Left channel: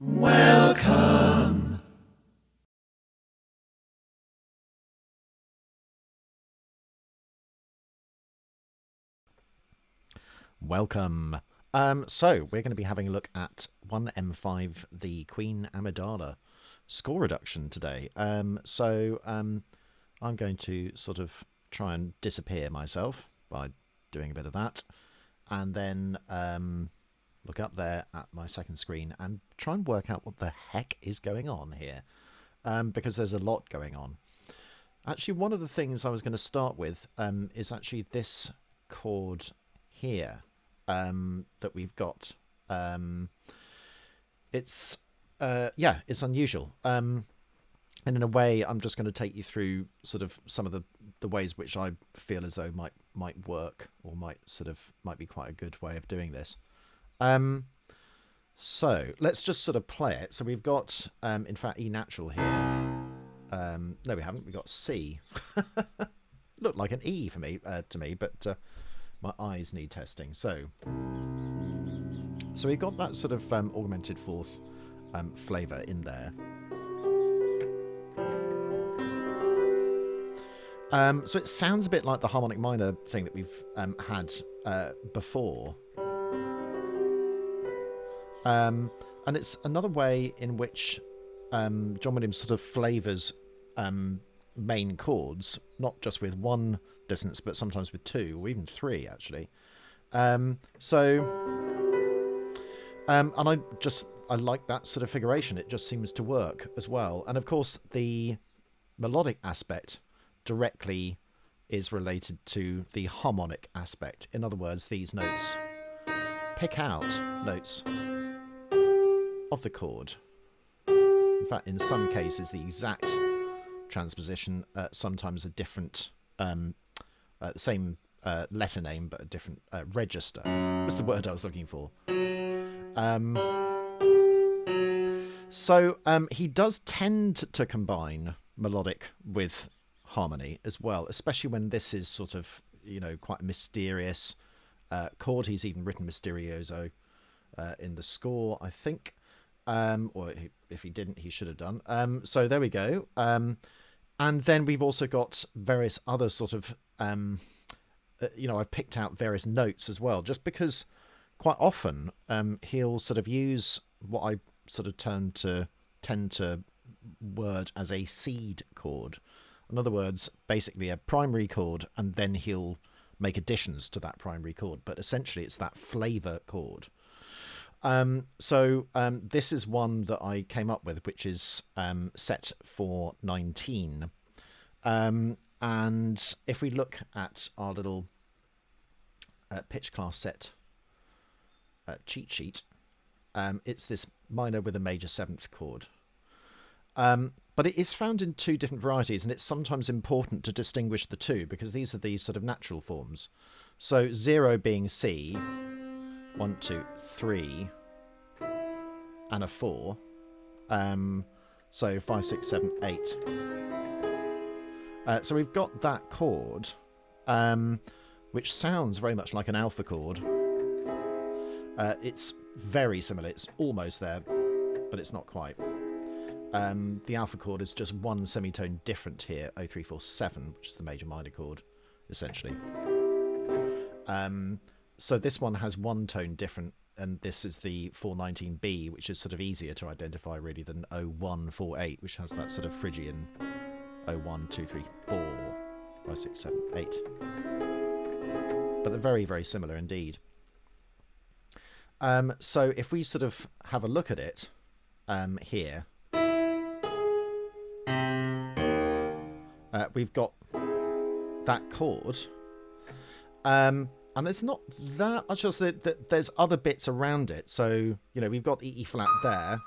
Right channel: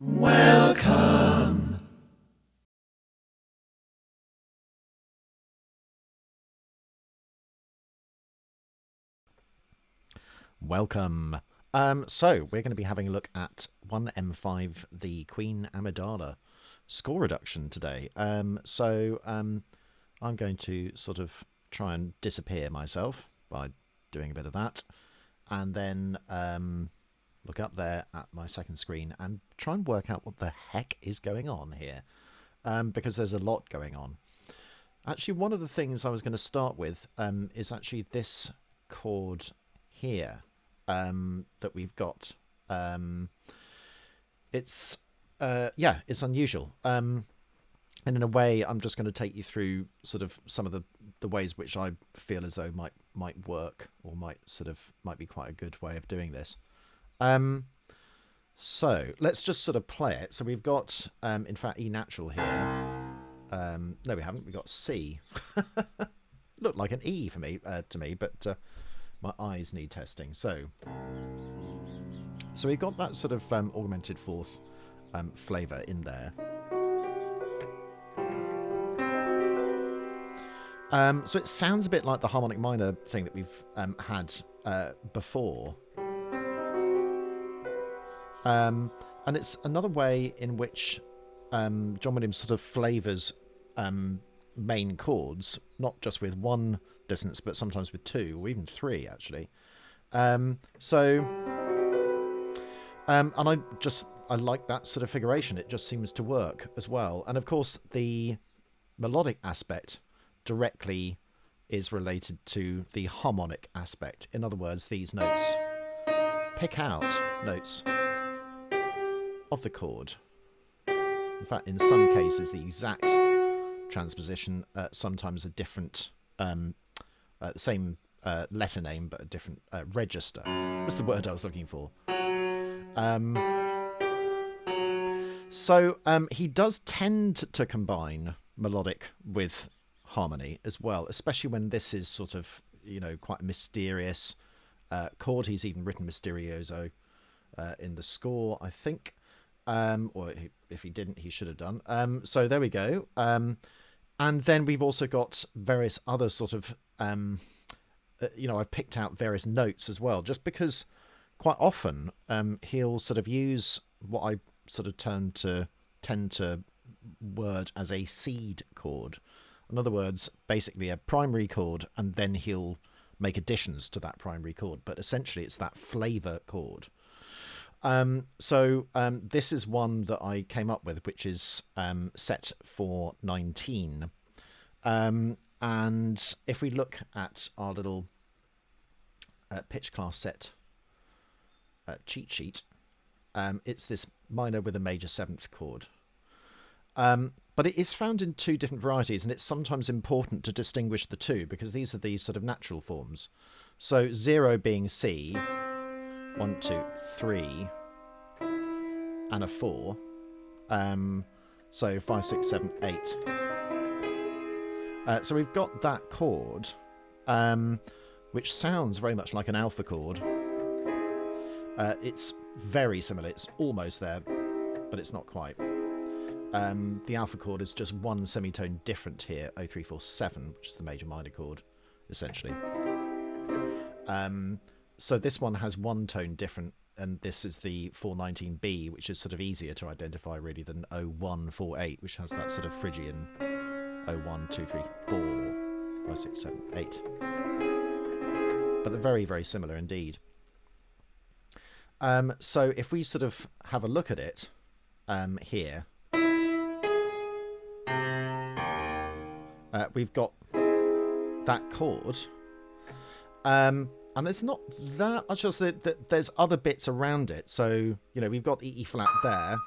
Welcome. Welcome. So we're going to be having a look at 1M5, the Queen Amidala score reduction today. I'm going to sort of try and disappear myself by doing a bit of that, and then look up there at my second screen and try and work out what the heck is going on here, because there's a lot going on. Actually, one of the things I was going to start with is actually this chord here that we've got. It's unusual. And in a way, I'm just going to take you through sort of some of the ways which I feel as though might work, or might be quite a good way of doing this. So let's just sort of play it. So we've got, in fact, E natural here. No, we haven't. We've got C. Looked like an E for me, to me, but my eyes need testing. So we've got that sort of augmented fourth flavour in there. So it sounds a bit like the harmonic minor thing that we've had before. And it's another way in which John Williams sort of flavours main chords, not just with one dissonance, but sometimes with two or even three, actually. And I like that sort of figuration. It just seems to work as well. And of course, the melodic aspect directly is related to the harmonic aspect. In other words, these notes pick out notes of the chord. In fact, in some cases, the exact transposition, sometimes a different, same letter name, but a different register. That's the word I was looking for. He does tend to combine melodic with harmony as well, especially when this is sort of, quite a mysterious chord. He's even written Mysterioso in the score, I think. Or if he didn't, he should have done. So there we go. And then we've also got various other sort of, I've picked out various notes as well, just because quite often he'll sort of use what I sort of tend to word as a seed chord. In other words, basically a primary chord, and then he'll make additions to that primary chord. But essentially, it's that flavour chord. This is one that I came up with, which is set for 19. And if we look at our little pitch class set cheat sheet, it's this minor with a major seventh chord. But it is found in two different varieties, and it's sometimes important to distinguish the two, because these are these sort of natural forms. So 0 being C, 1, 2, 3, and a 4. So 5, 6, 7, 8. So we've got that chord, which sounds very much like an alpha chord. It's very similar. It's almost there, but it's not quite. The alpha chord is just one semitone different here, 0, 3, 4, 7, which is the major minor chord, essentially. So this one has one tone different, and this is the 419B, which is sort of easier to identify really than 0148, which has that sort of Phrygian 01, 2, 3, 4, 5, 6, 7, 8. But they're very, very similar indeed. So if we sort of have a look at it here, we've got that chord. And there's not that much else. There's other bits around it. So, we've got the E flat there,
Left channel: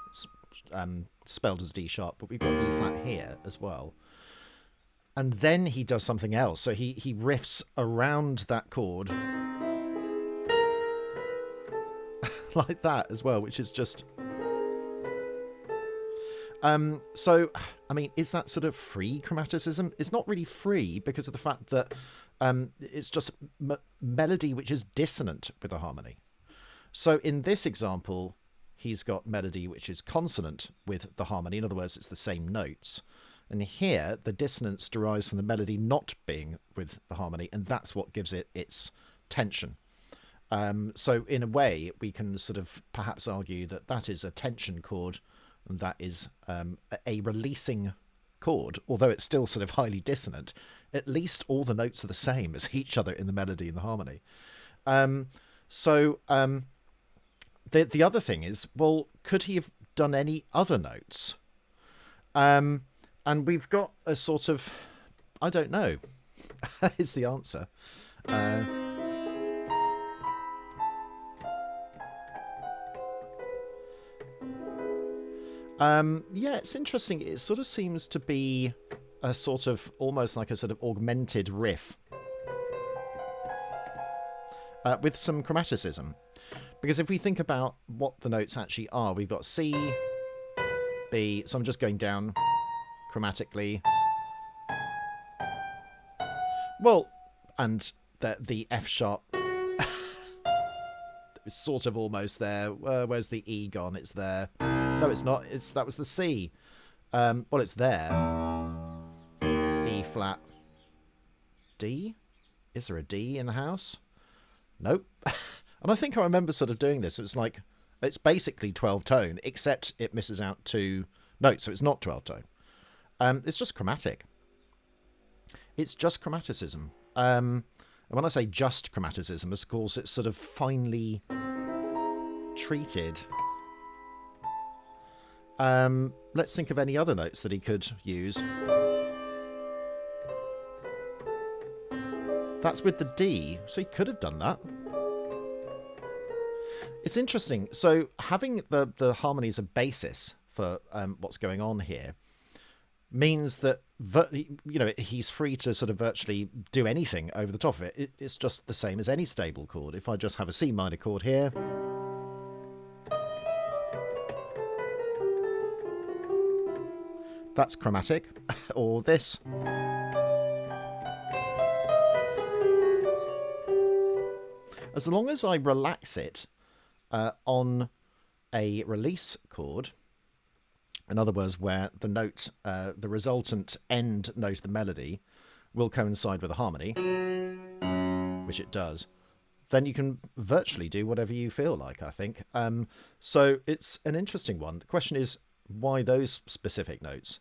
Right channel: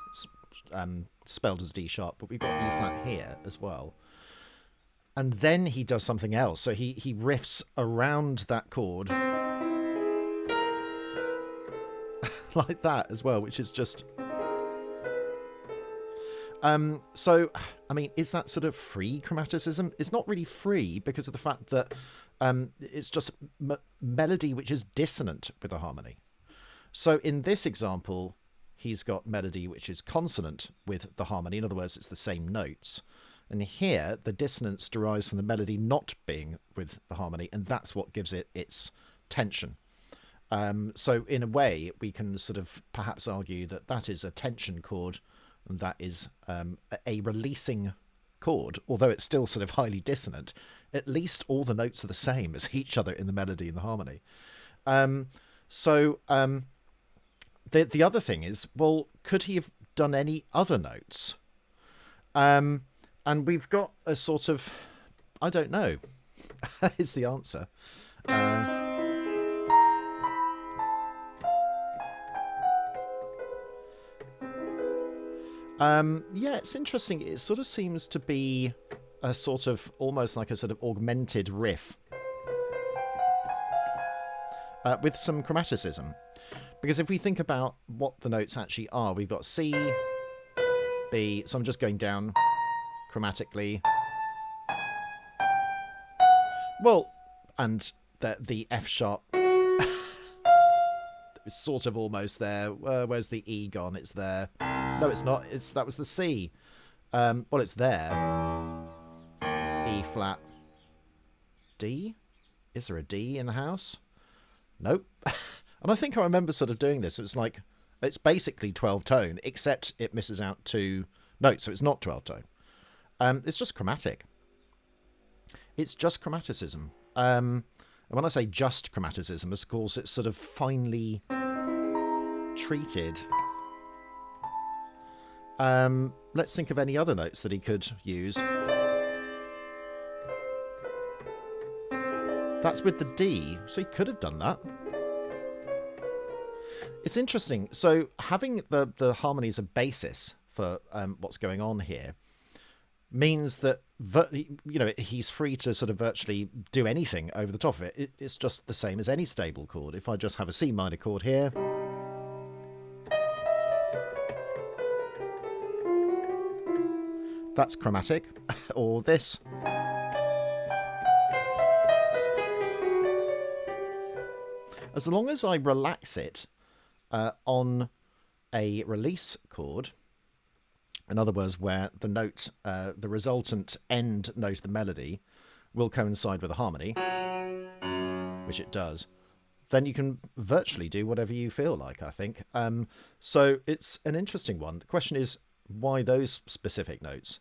spelled as D sharp, but we've got E flat here as well. And then he does something else. So he riffs around that chord like that as well, which is just... is that sort of free chromaticism? It's not really free because of the fact that it's just melody which is dissonant with a harmony. So in this example, he's got melody which is consonant with the harmony. In other words, it's the same notes. And here, the dissonance derives from the melody not being with the harmony, and that's what gives it its tension. So in a way, we can sort of perhaps argue that that is a tension chord, and that is a releasing chord, although it's still sort of highly dissonant. At least all the notes are the same as each other in the melody and the harmony. The other thing is, well, could he have done any other notes? And we've got a sort of, I don't know, is the answer. Yeah, it's interesting. It sort of seems to be a sort of, almost like a sort of augmented riff with some chromaticism. Because if we think about what the notes actually are, we've got C, B, so I'm just going down chromatically. Well, and the F sharp is sort of almost there. Where's the E gone? It's there. No, it's not. That was the C. Well, it's there. E flat. D? Is there a D in the house? Nope. And I think I remember sort of doing this. It's like, it's basically 12 tone, except it misses out 2 notes, so it's not 12 tone. It's just chromatic. It's just chromaticism. And when I say just chromaticism, of course, it's sort of finely treated. Let's think of any other notes that he could use. That's with the D, so he could have done that. It's interesting. So having the harmony as a basis for what's going on here means that he's free to sort of virtually do anything over the top of it. It's just the same as any stable chord. If I just have a C minor chord here, that's chromatic, or this. As long as I relax it on a release chord, in other words, where the note, the resultant end note of the melody will coincide with the harmony, which it does, then you can virtually do whatever you feel like, I think. So it's an interesting one. The question is, why those specific notes?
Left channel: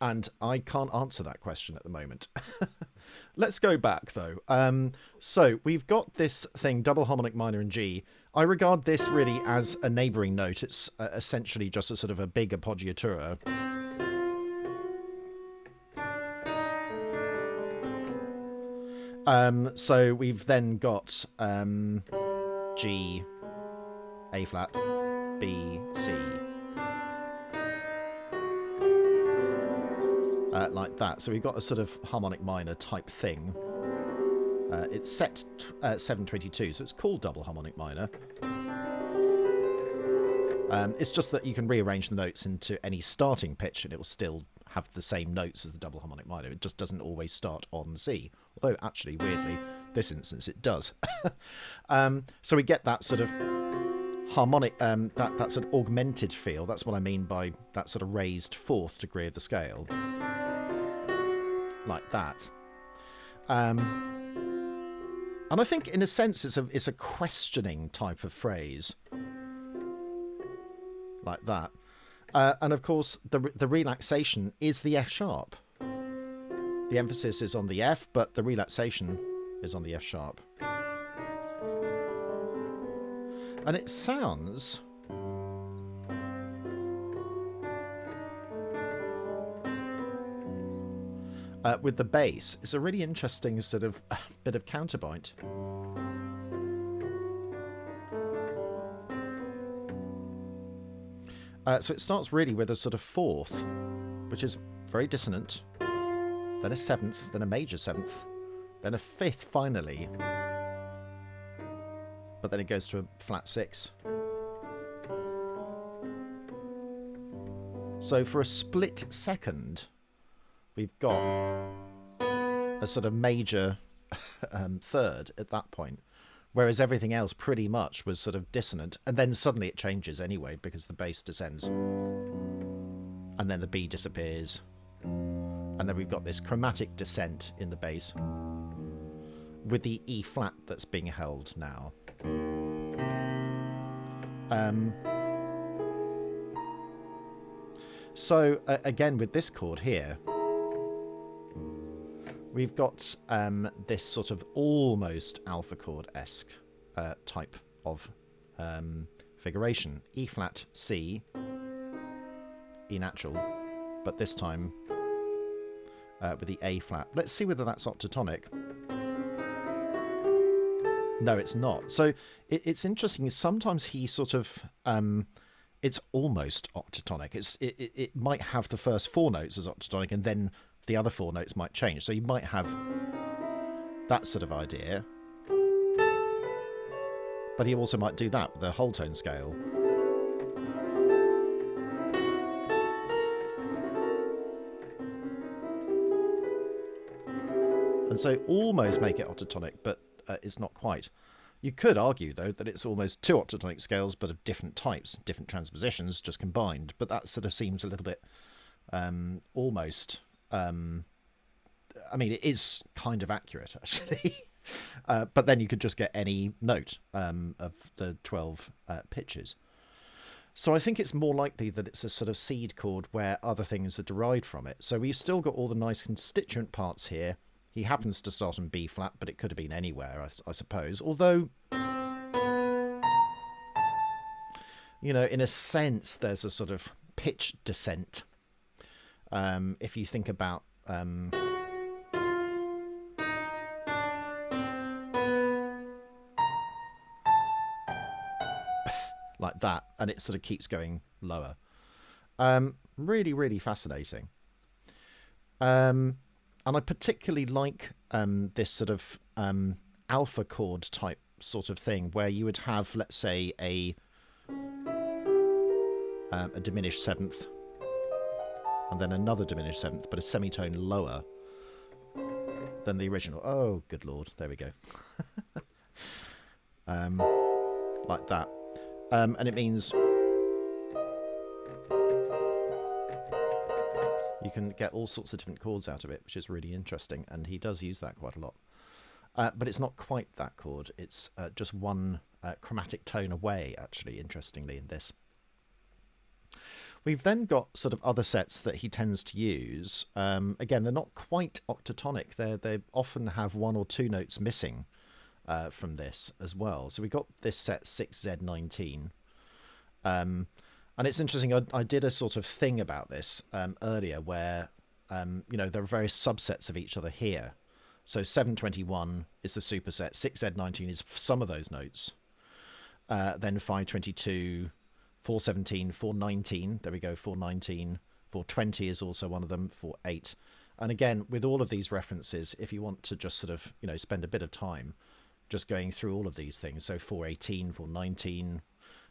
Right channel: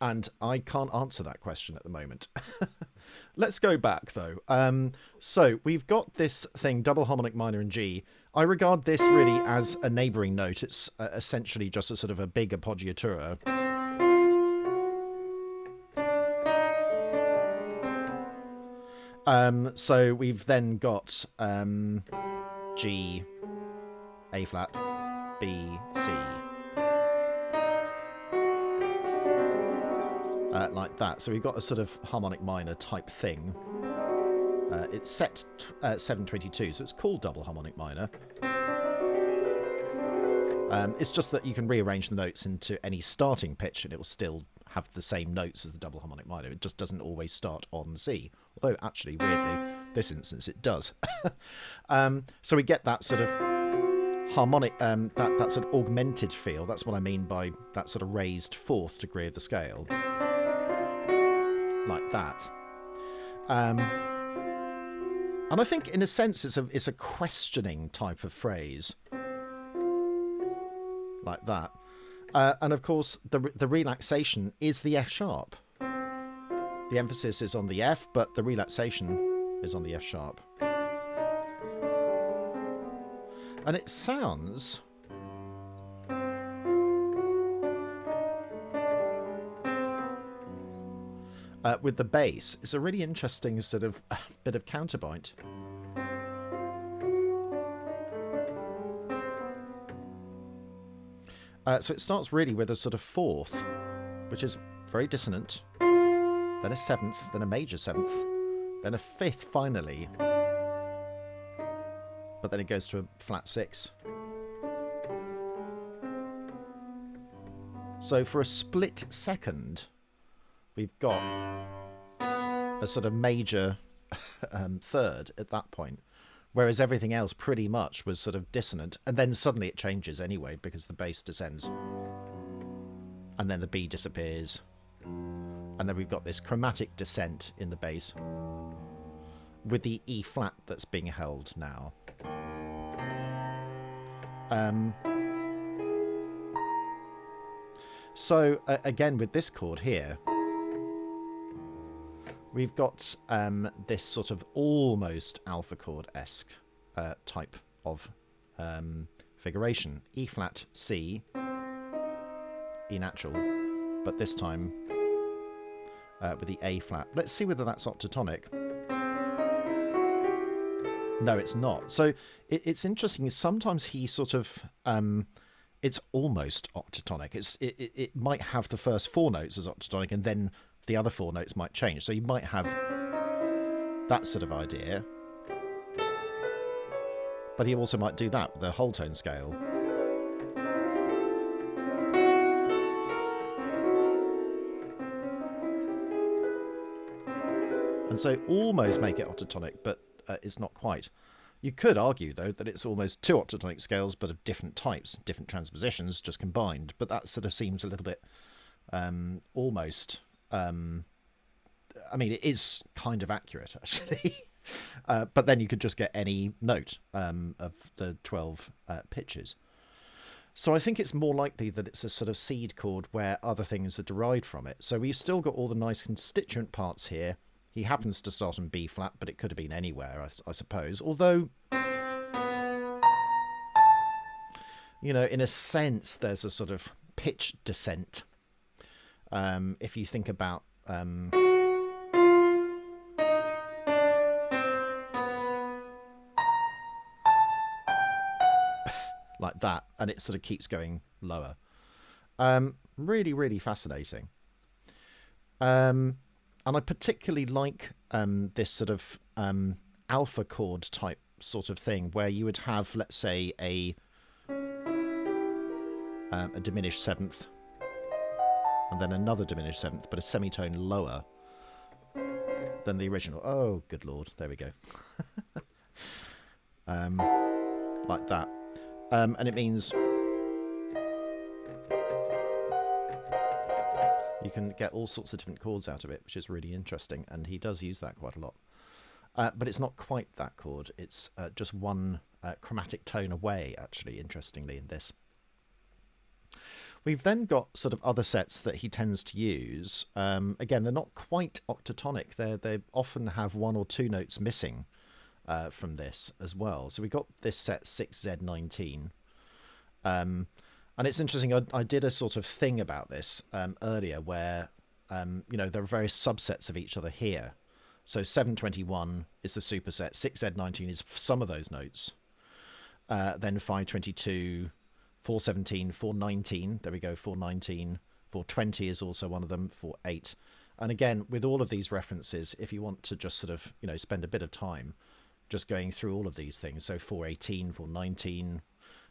And I can't answer that question at the moment. Let's go back, though. So we've got this thing, double harmonic minor in G. I regard this really as a neighbouring note. It's essentially just a sort of a big appoggiatura. So we've then got G, A flat, B, C. Like that. So we've got a sort of harmonic minor type thing. It's set 722, so it's called double harmonic minor. It's just that you can rearrange the notes into any starting pitch and it will still have the same notes as the double harmonic minor. It just doesn't always start on C. Although, actually, weirdly, this instance it does. So we get that sort of harmonic, that sort of augmented feel. That's what I mean by that sort of raised 4th degree of the scale. Like that. And I think, in a sense, it's a questioning type of phrase. Like that. And, of course, the relaxation is the F sharp. The emphasis is on the F, but the relaxation is on the F sharp. And it sounds... with the bass, it's a really interesting sort of bit of counterpoint. So it starts really with a sort of 4th, which is very dissonant, then a 7th, then a major 7th, then a 5th finally, but then it goes to a flat 6. So for a split second, we've got a sort of major 3rd at that point, whereas everything else pretty much was sort of dissonant, and then suddenly it changes anyway because the bass descends, and then the B disappears, and then we've got this chromatic descent in the bass with the E flat that's being held now. So again, with this chord here, we've got this sort of almost alpha chord-esque type of figuration. E flat, C, E natural, but this time with the A flat. Let's see whether that's octatonic. No, it's not. So it's interesting. Sometimes he sort of, it's almost octatonic. It might have the first 4 notes as octatonic, and then the other 4 notes might change. So you might have that sort of idea. But he also might do that with the whole tone scale. And so almost make it octatonic, but it's not quite. You could argue, though, that it's almost 2 octatonic scales, but of different types, different transpositions, just combined. But that sort of seems a little bit almost... I mean, it is kind of accurate, actually. But then you could just get any note of the 12 pitches. So I think it's more likely that it's a sort of seed chord where other things are derived from it. So we've still got all the nice constituent parts here. He happens to start on B flat, but it could have been anywhere, I suppose. Although, you know, in a sense, there's a sort of pitch descent. If you think about... like that, and it sort of keeps going lower. Really, really fascinating. And I particularly like this sort of alpha chord type sort of thing, where you would have, let's say, a diminished 7th, and then another diminished 7th, but a semitone lower than the original. Oh, good lord, there we go. Like that. And it means you can get all sorts of different chords out of it, which is really interesting, and he does use that quite a lot. But it's not quite that chord. It's just one chromatic tone away, actually, interestingly, in this. We've then got sort of other sets that he tends to use. Again, they're not quite octatonic. They often have 1 or 2 notes missing from this as well. So we got this set 6Z19. And it's interesting, I did a sort of thing about this earlier where, you know, there are various subsets of each other here. So 721 is the superset, 6Z19 is some of those notes. Then 522, 417, 419, there we go, 419, 420 is also one of them, 48. And again, with all of these references, if you want to just sort of, you know, spend a bit of time just going through all of these things, so 418, 419,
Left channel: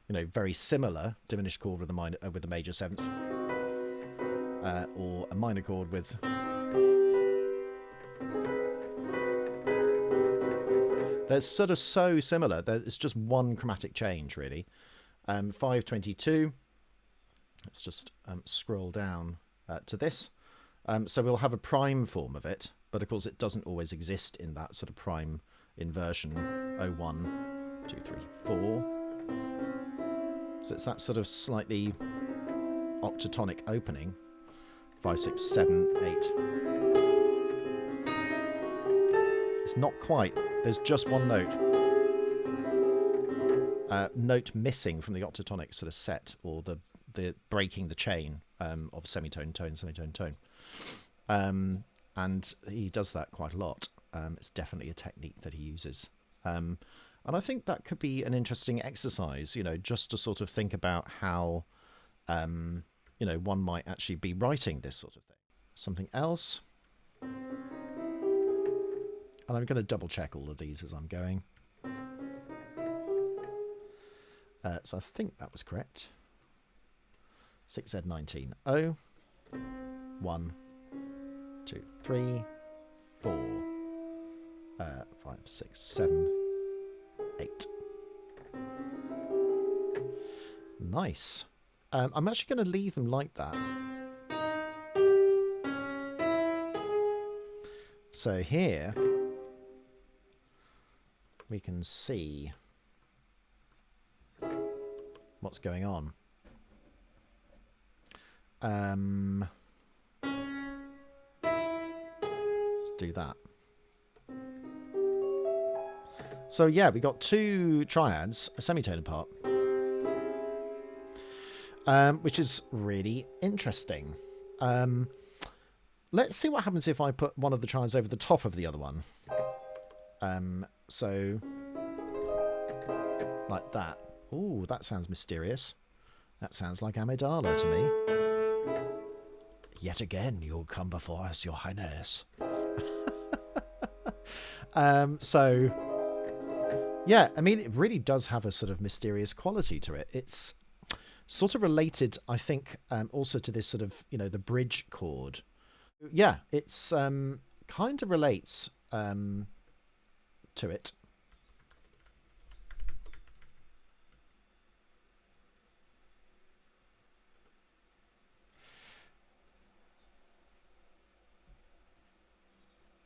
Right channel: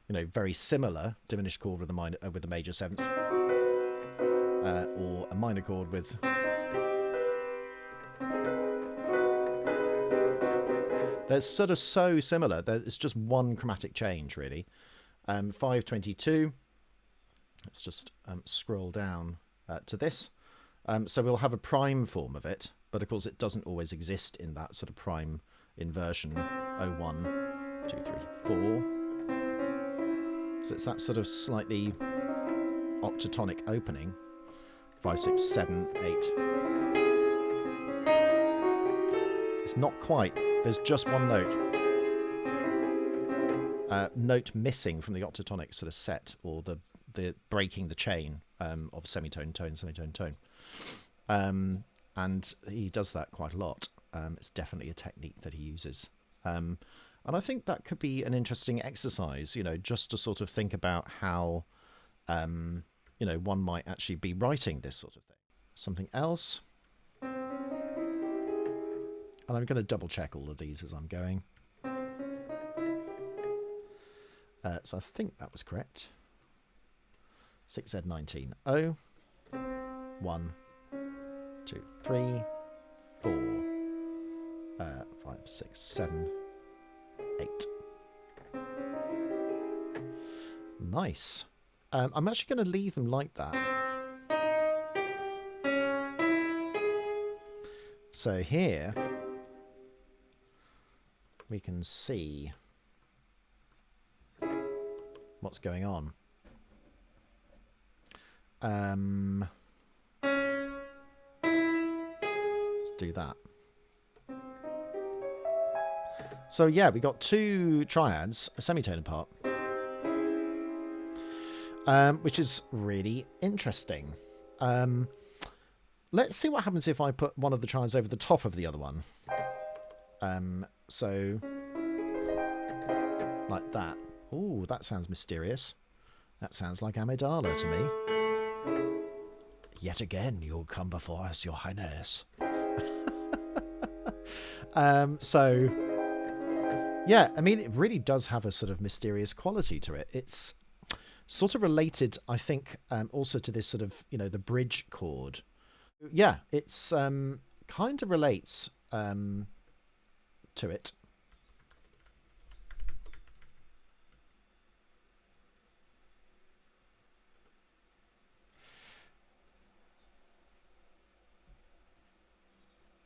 you know, very similar diminished chord with a minor with a major 7th, or a minor chord with they're sort of so similar. It's just one chromatic change, really. 522. Let's just scroll down to this. So we'll have a prime form of it, but of course it doesn't always exist in that sort of prime inversion. 01, 2, 3, 4. So it's that sort of slightly octatonic opening. 5, 6, 7, 8. It's not quite. There's just one note. Note missing from the octatonic sort of set, or the breaking the chain of semitone, tone, semitone, tone. And he does that quite a lot. It's definitely a technique that he uses. And I think that could be an interesting exercise, you know, just to sort of think about how, you know, one might actually be writing this sort of thing. Something else. And I'm going to double check all of these as I'm going. So I think that was correct. 6Z19. 0, 1, 2, 3, 4, 5, 6, 7, 8. Nice. I'm actually going to leave them like that. So here we can see what's going on. Let's do that. So yeah, we got 2 triads, a semitone apart, which is really interesting. Let's see what happens if I put one of the triads over the top of the other one. So like that. Ooh, that sounds mysterious. That sounds like Amidala to me. Yet again, you'll come before us, your highness. So, yeah, I mean, it really does have a sort of mysterious quality to it. It's sort of related, I think, also to this sort of, you know, the bridge chord. Yeah, it's kind of relates to it.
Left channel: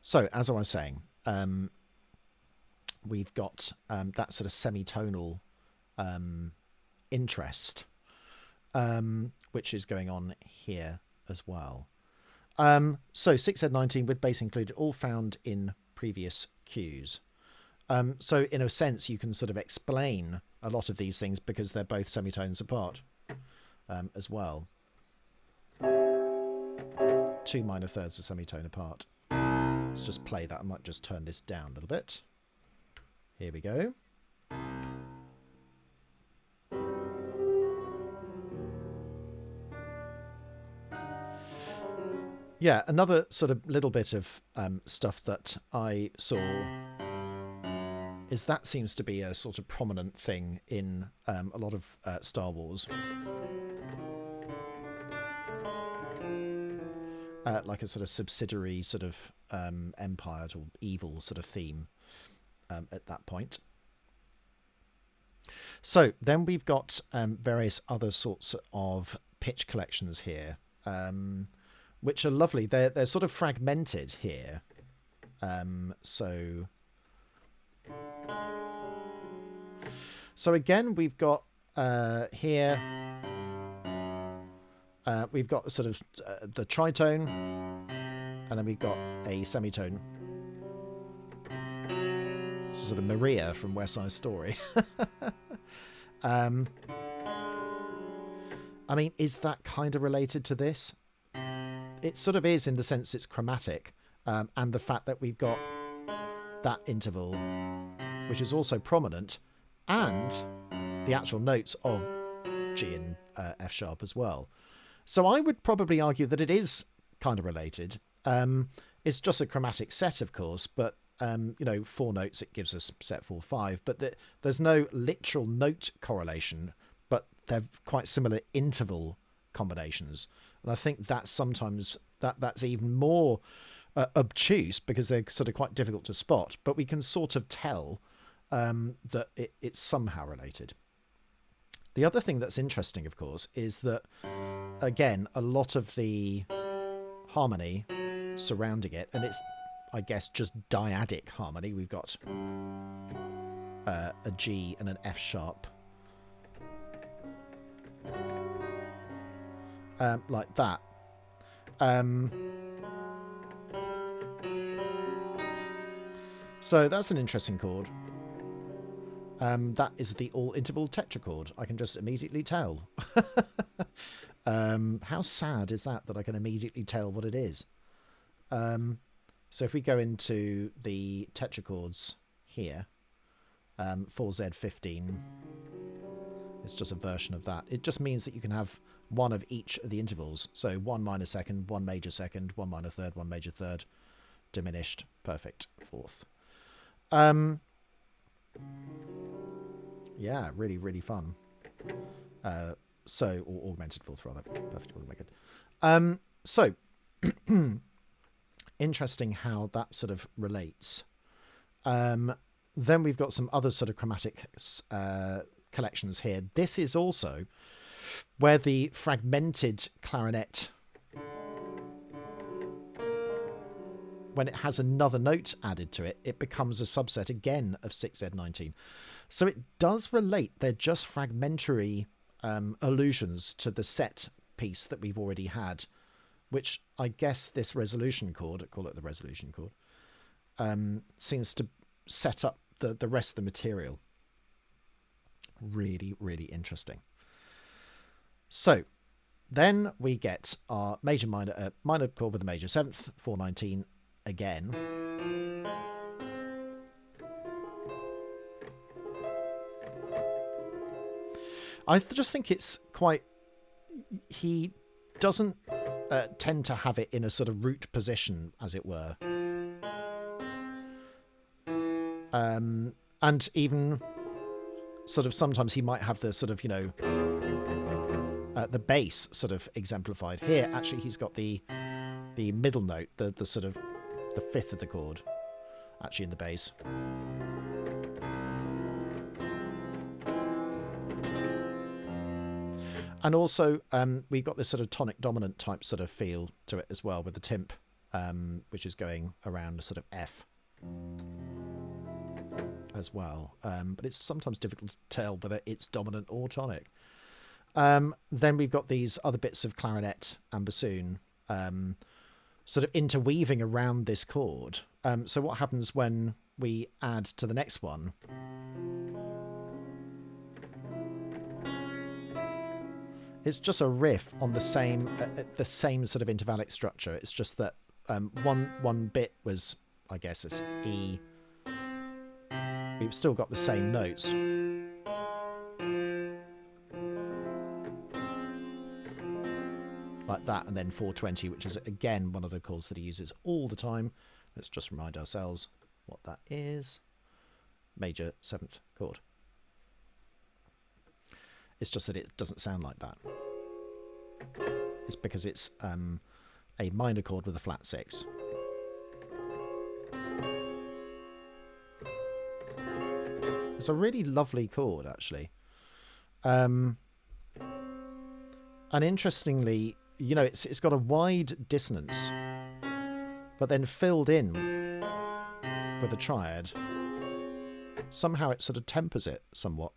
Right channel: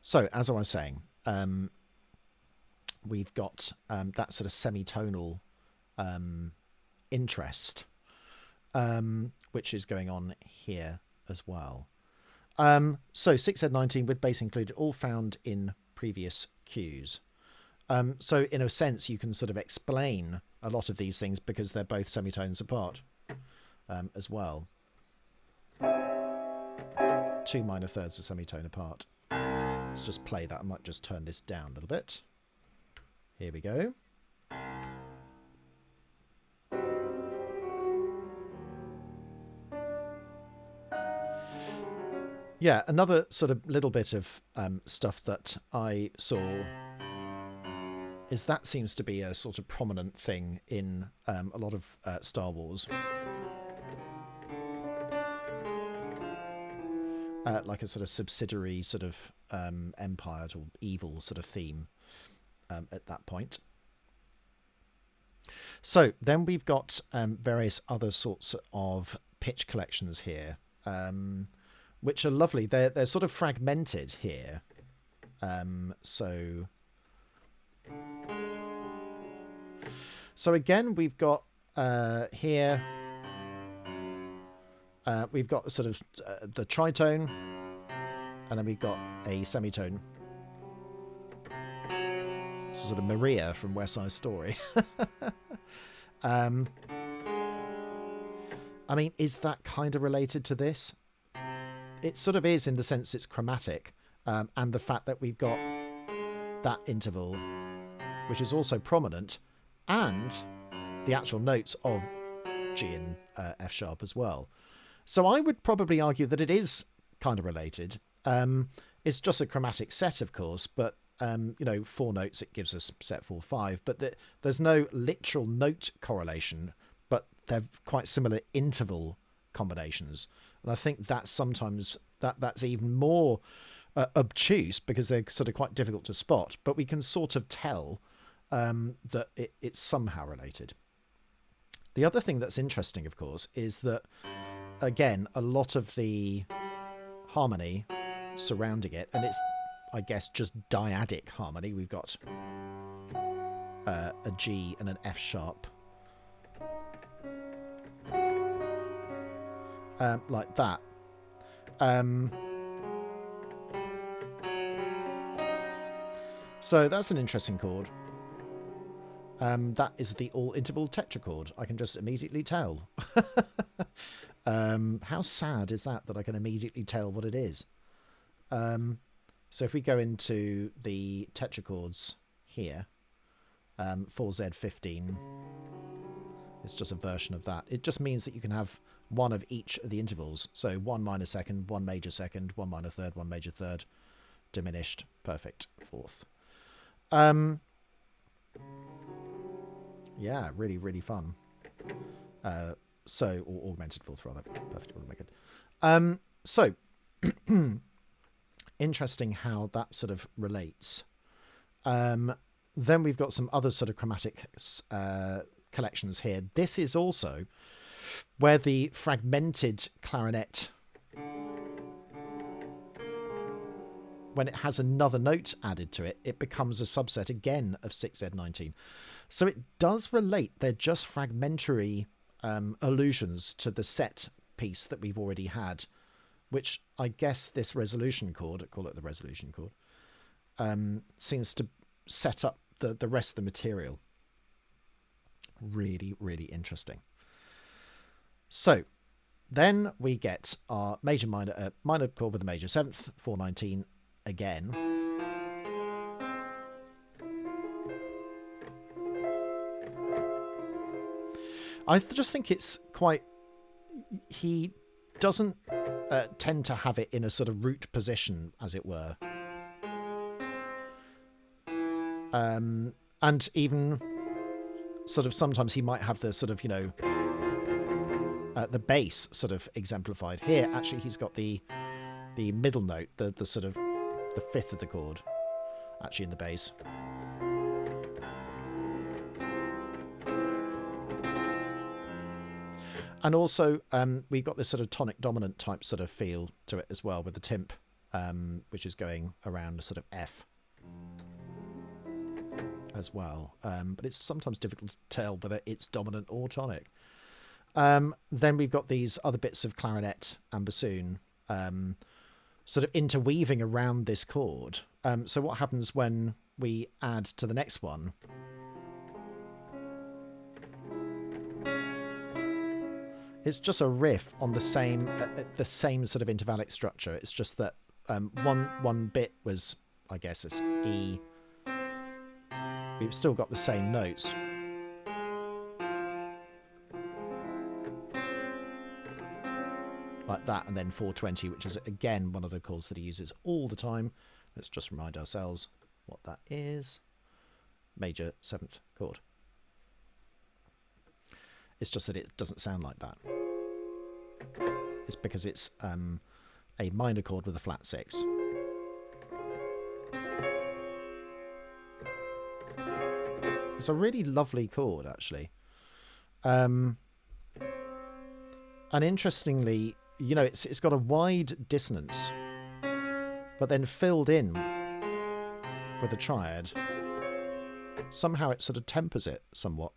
So, as I was saying, we've got that sort of semitonal interest, which is going on here as well. So 6Z19 with bass included, all found in previous cues. So in a sense, you can sort of explain a lot of these things because they're both semitones apart as well. 2 minor thirds a semitone apart. Let's just play that. I might just turn this down a little bit. Here we go. Yeah, another sort of little bit of stuff that I saw is that seems to be a sort of prominent thing in a lot of Star Wars. Like a sort of subsidiary sort of empire or evil sort of theme at that point. So then we've got various other sorts of pitch collections here, which are lovely. They're sort of fragmented here. So again, we've got here. We've got sort of the tritone, and then we've got a semitone. It's sort of Maria from West Side Story. I mean, is that kind of related to this? It sort of is in the sense it's chromatic, and the fact that we've got that interval, which is also prominent, and the actual notes of G and F sharp as well. So I would probably argue that it is kind of related. It's just a chromatic set, of course, but, you know, 4 notes, it gives us set 4, 5. But there's no literal note correlation, but they're quite similar interval combinations. And I think that's sometimes, that's even more obtuse because they're sort of quite difficult to spot. But we can sort of tell that it's somehow related. The other thing that's interesting, of course, is that again, a lot of the harmony surrounding it, and it's, I guess, just dyadic harmony. We've got a G and an F sharp, like that. So that's an interesting chord. That is the all-interval tetrachord. I can just immediately tell. How sad is that I can immediately tell what it is? So if we go into the tetrachords here, 4Z15, it's just a version of that. It just means that you can have one of each of the intervals. So 1 minor second, 1 major second, 1 minor third, 1 major third, diminished, perfect, fourth. Yeah, really, really fun. So, or augmented fourth rather, perfect augmented. So, interesting how that sort of relates. Then we've got some other sort of chromatic collections here. This is also where the fragmented clarinet, when it has another note added to it, it becomes a subset again of 6Z19. So it does relate. They're just fragmentary allusions to the set piece that we've already had, which I guess this resolution chord, call it the resolution chord, seems to set up the rest of the material. Really, really interesting. So then we get our major minor chord with a major 7th, 419 again. I just think it's quite... He doesn't tend to have it in a sort of root position, as it were. And even sort of sometimes he might have the sort of, you know, the bass sort of exemplified. Here, actually, he's got the middle note, the sort of the 5th of the chord, actually in the bass. And also, we've got this sort of tonic dominant type sort of feel to it as well, with the timp, which is going around a sort of F as well. But it's sometimes difficult to tell whether it's dominant or tonic. Then we've got these other bits of clarinet and bassoon sort of interweaving around this chord. So what happens when we add to the next one? It's just a riff on the same sort of intervallic structure. It's just that one bit was, I guess, it's E. We've still got the same notes. Like that, and then 420, which is, again, one of the chords that he uses all the time. Let's just remind ourselves what that is. Major 7th chord. It's just that it doesn't sound like that. It's because it's a minor chord with a flat 6. It's a really lovely chord, actually. And interestingly, you know, it's got a wide dissonance, but then filled in with a triad. Somehow it sort of tempers it somewhat.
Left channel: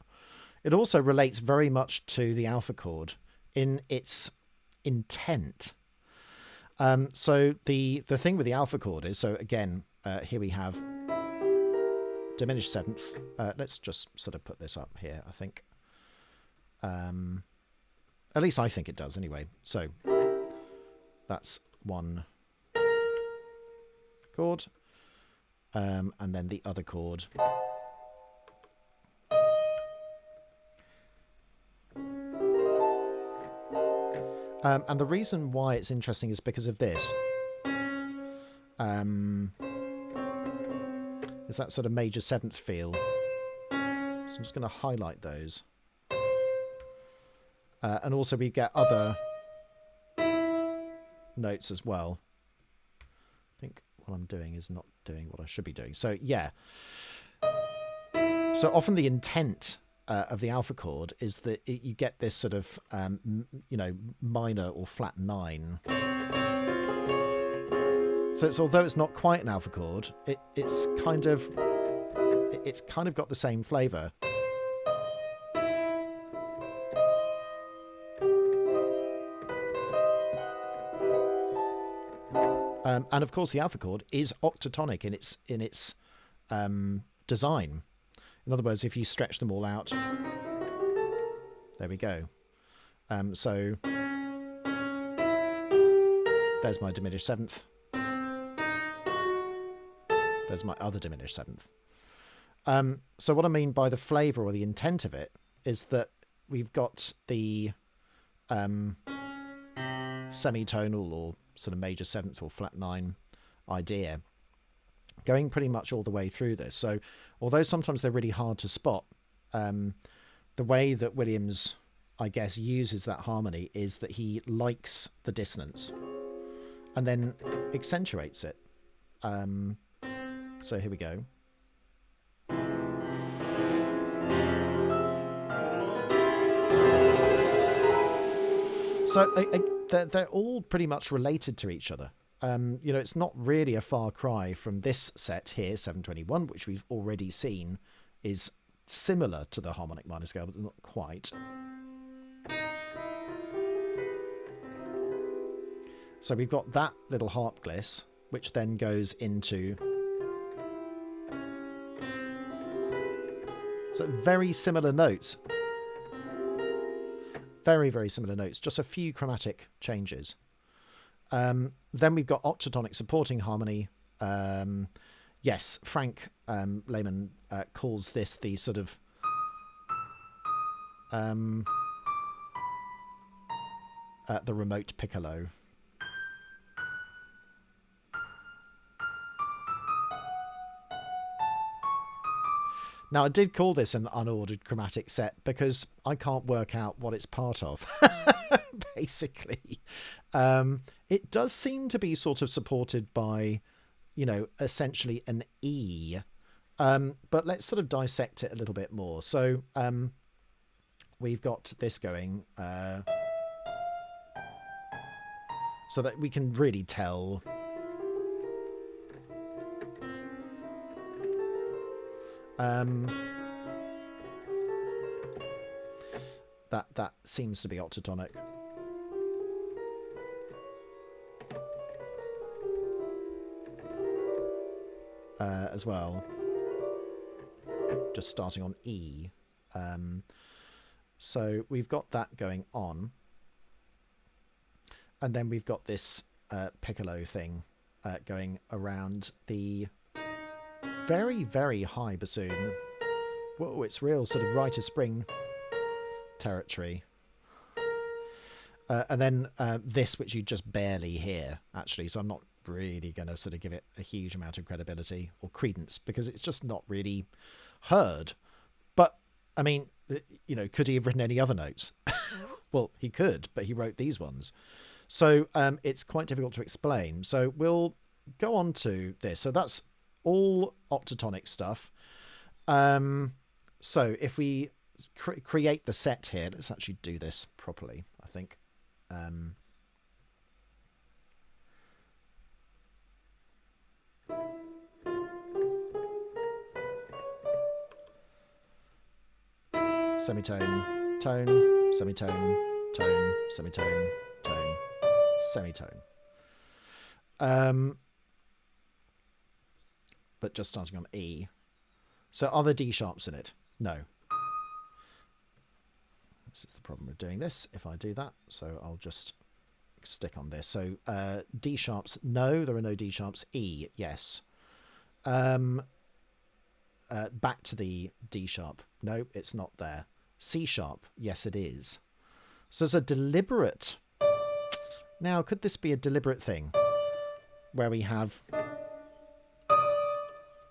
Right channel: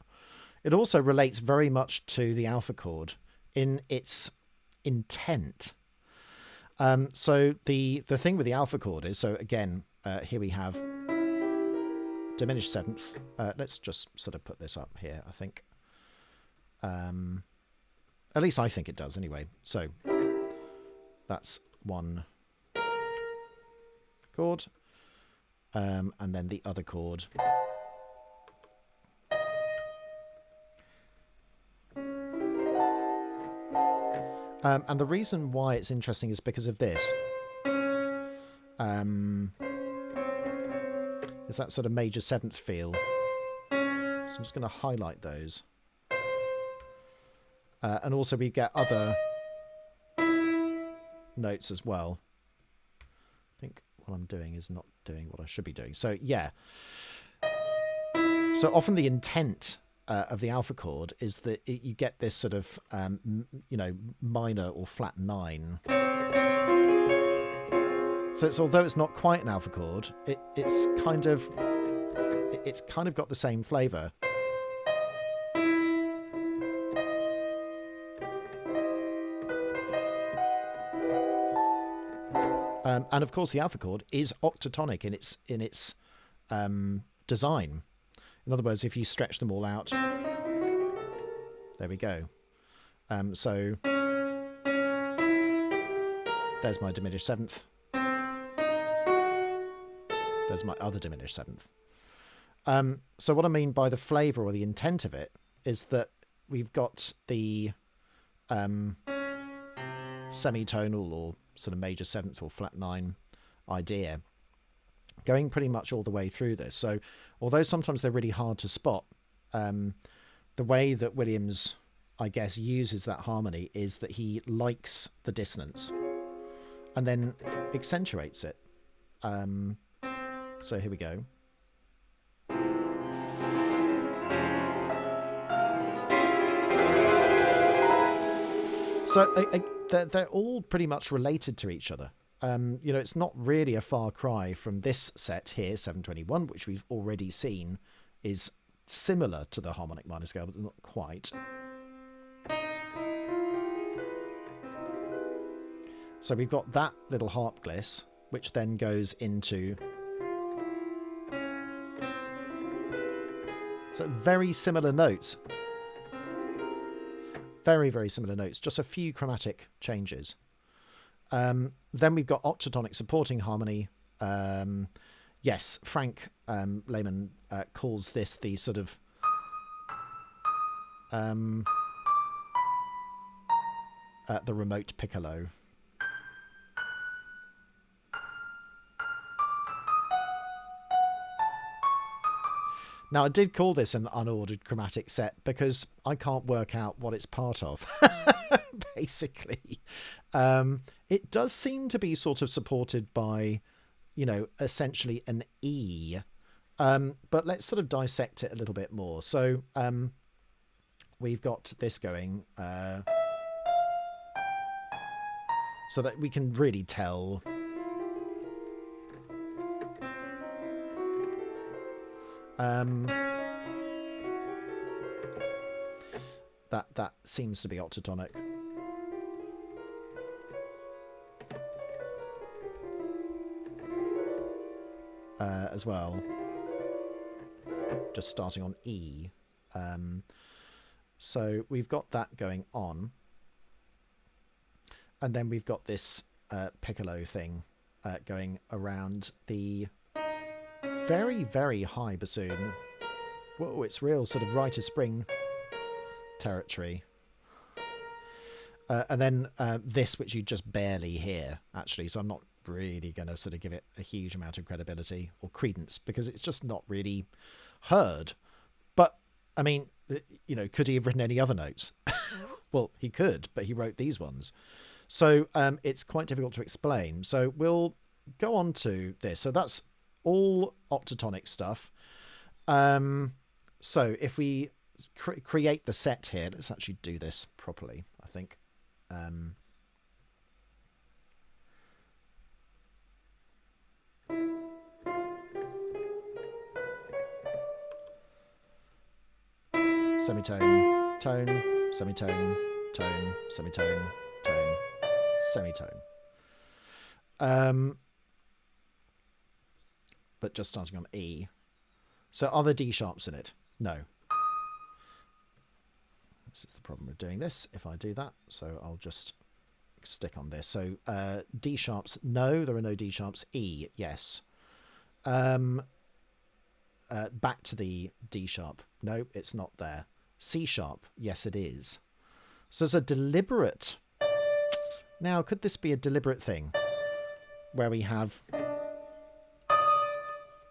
It also relates very much to the alpha chord in its intent. So the thing with the alpha chord is, so again, here we have diminished 7th. Let's just sort of put this up here, I think. At least I think it does anyway. So that's one chord. And then the other chord. And the reason why it's interesting is because of this. Is that sort of major 7th feel. So I'm just going to highlight those. And also we get other notes as well. I think what I'm doing is not doing what I should be doing. So yeah. So often the intent of the alpha chord is that you get this sort of, you know, minor or flat 9. So it's, although it's not quite an alpha chord, it's kind of got the same flavour. And of course, the alpha chord is octatonic in its design. In other words, if you stretch them all out, there we go. So there's my diminished 7th. There's my other diminished 7th. So what I mean by the flavour or the intent of it is that we've got the semitonal or sort of major 7th or flat 9 idea going pretty much all the way through this. So although sometimes they're really hard to spot, the way that Williams, I guess, uses that harmony is that he likes the dissonance and then accentuates it. So here we go. So they're all pretty much related to each other. You know, it's not really a far cry from this set here, 721, which we've already seen is similar to the harmonic minor scale, but not quite. So we've got that little harp gliss, which then goes into... So very similar notes. Very, very similar notes. Just a few chromatic changes. Then we've got octatonic supporting harmony. Yes, Frank Lehman calls this the sort of... the remote piccolo. Now, I did call this an unordered chromatic set because I can't work out what it's part of, basically. It does seem to be sort of supported by, you know, essentially an E. But let's sort of dissect it a little bit more. So we've got this going so that we can really tell... that seems to be octatonic. As well. Just starting on E. So we've got that going on. And then we've got this piccolo thing going around the very, very high bassoon. Whoa, it's real sort of Rite of Spring territory. And then this, which you just barely hear, actually. So I'm not really going to sort of give it a huge amount of credibility or credence because it's just not really heard. But, I mean, you know, could he have written any other notes? Well, he could, but he wrote these ones. So it's quite difficult to explain. So we'll go on to this. So that's all octatonic stuff. So if we create the set here, let's actually do this properly, I think. Semitone, tone, semitone, tone, semitone, tone, semitone. But just starting on E. So are there D sharps in it? No. This is the problem with doing this, if I do that. So I'll just stick on this. So D sharps, no, there are no D sharps. E, yes. Back to the D sharp. No, it's not there. C sharp, yes it is. So it's a deliberate... Now, could this be a deliberate thing? Where we have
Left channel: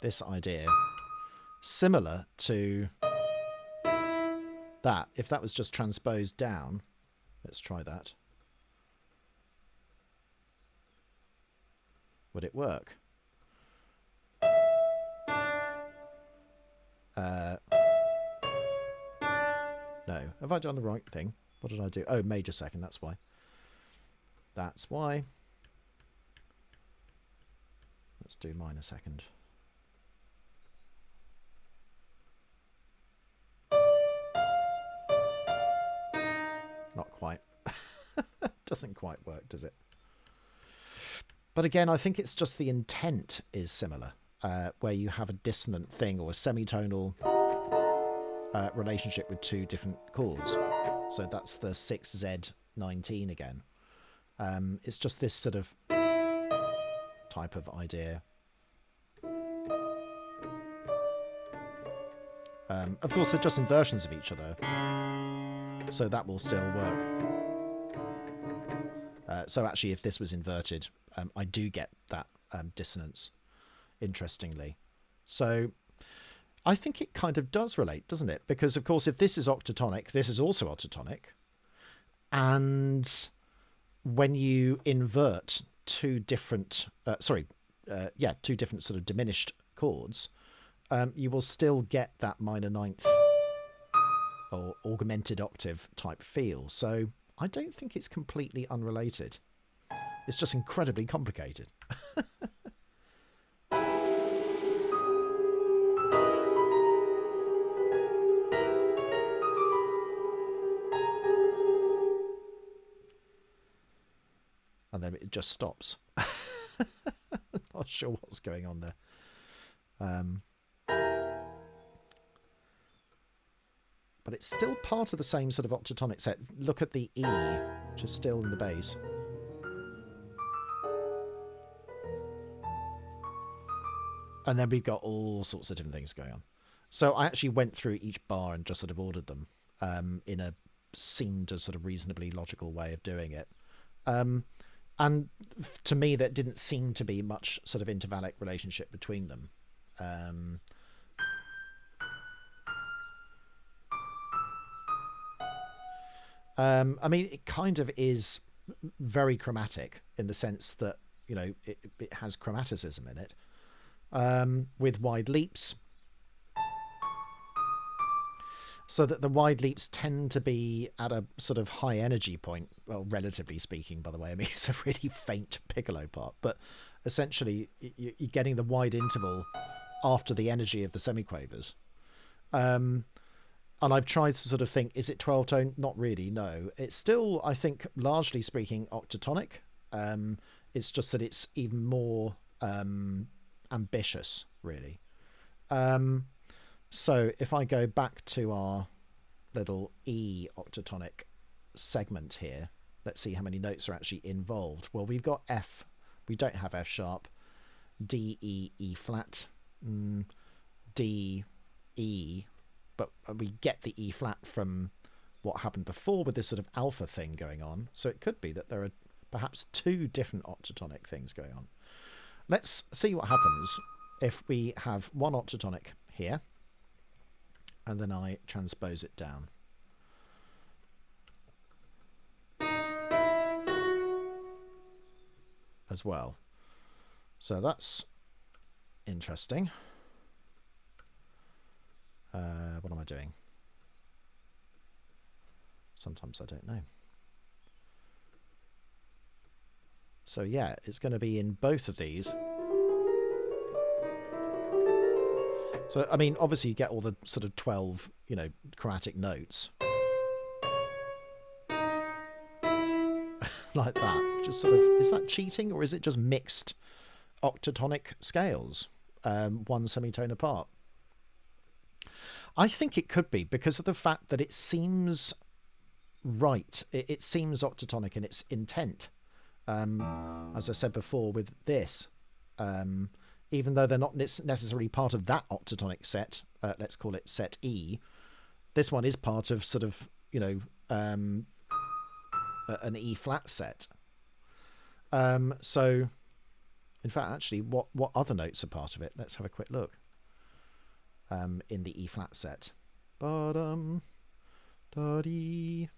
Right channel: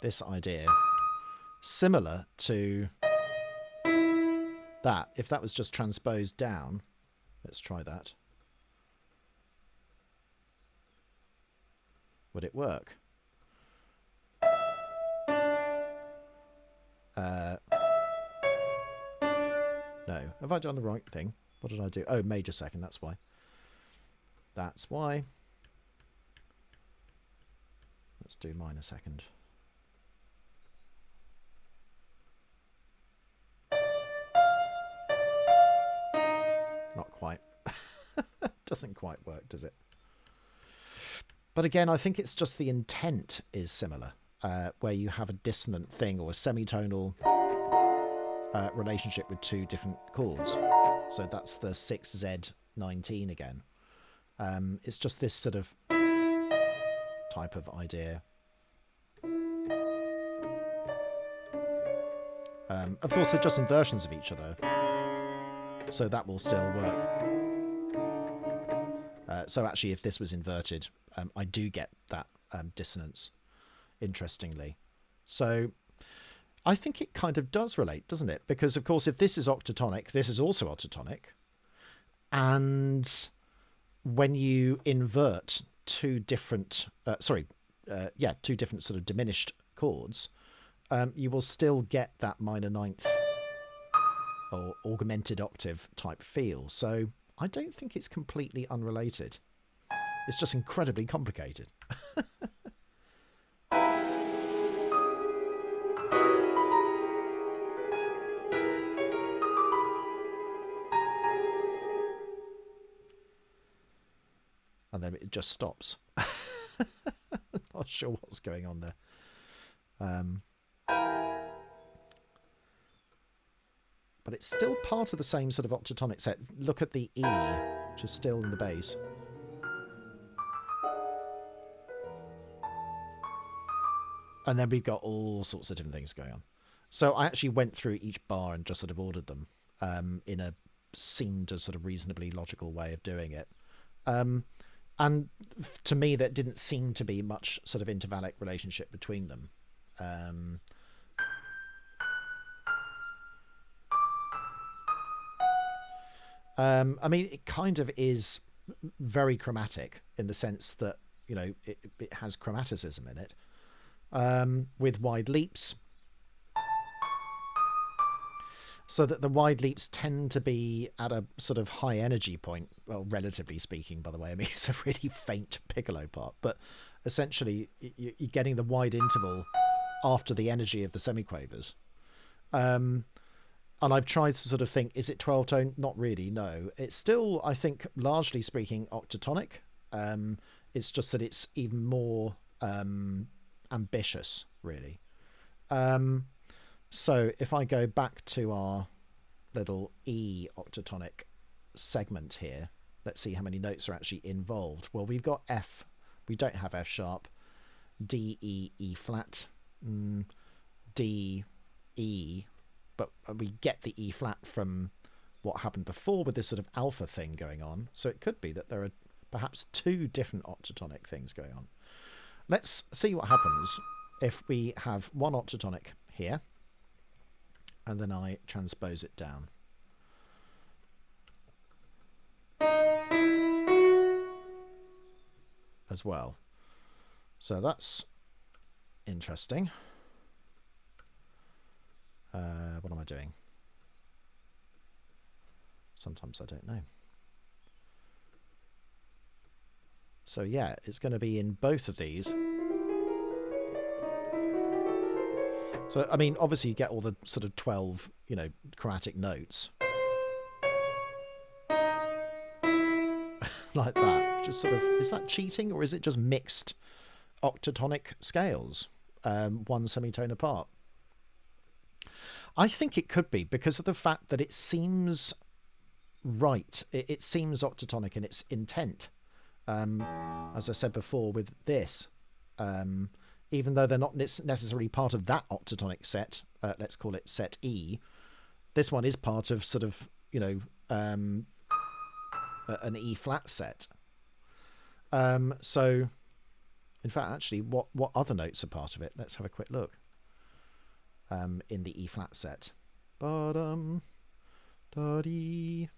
this idea similar to that. If that was just transposed down, let's try that. Would it work? No. Have I done the right thing? What did I do? Oh, major second, that's why. That's why. Let's do minor second. Not quite. Doesn't quite work, does it? But again, I think it's just the intent is similar, where you have a dissonant thing or a semitonal relationship with two different chords. So that's the 6Z19 again. It's just this sort of type of idea. Of course, they're just inversions of each other, so that will still work. So actually, if this was inverted, I do get that dissonance, interestingly. So I think it kind of does relate, doesn't it? Because, of course, if this is octatonic, this is also octatonic. And when you invert two different, two different sort of diminished chords, you will still get that minor ninth or augmented octave type feel. So I don't think it's completely unrelated. It's just incredibly complicated. And then it just stops. Not sure what's going on there. But it's still part of the same sort of octatonic set. Look at the E, which is still in the bass. And then we've got all sorts of different things going on. So I actually went through each bar and just sort of ordered them in a seemed a sort of reasonably logical way of doing it. And to me, that didn't seem to be much sort of intervallic relationship between them. I mean, it kind of is very chromatic in the sense that, you know, it has chromaticism in it, with wide leaps. So that the wide leaps tend to be at a sort of high energy point, well, relatively speaking, by the way. I mean, it's a really faint piccolo part, but essentially you're getting the wide interval after the energy of the semiquavers. And I've tried to sort of think, is it 12 tone? Not really, no. It's still, I think, largely speaking, octatonic. It's just that it's even more ambitious, really. So if I go back to our little E octatonic segment here, let's see how many notes are actually involved. Well, we've got F. We don't have F sharp. D, E, E flat, D, E, but we get the E flat from what happened before with this sort of alpha thing going on. So it could be that there are perhaps two different octatonic things going on. Let's see what happens if we have one octatonic here, and then I transpose it down. As well. So that's interesting. What am I doing? Sometimes I don't know. So yeah, it's going to be in both of these. So, I mean, obviously you get all the sort of 12, you know, chromatic notes. Like that. Which is sort of, is that cheating or is it just mixed octatonic scales? One semitone apart. I think it could be because of the fact that it seems right. It seems octatonic in its intent. As I said before with this, even though they're not necessarily part of that octatonic set, let's call it set E, this one is part of sort of, you know, an E flat set. So, in fact, actually, what other notes are part of it? Let's have a quick look. In the E flat set. Ba-dum, da-dee,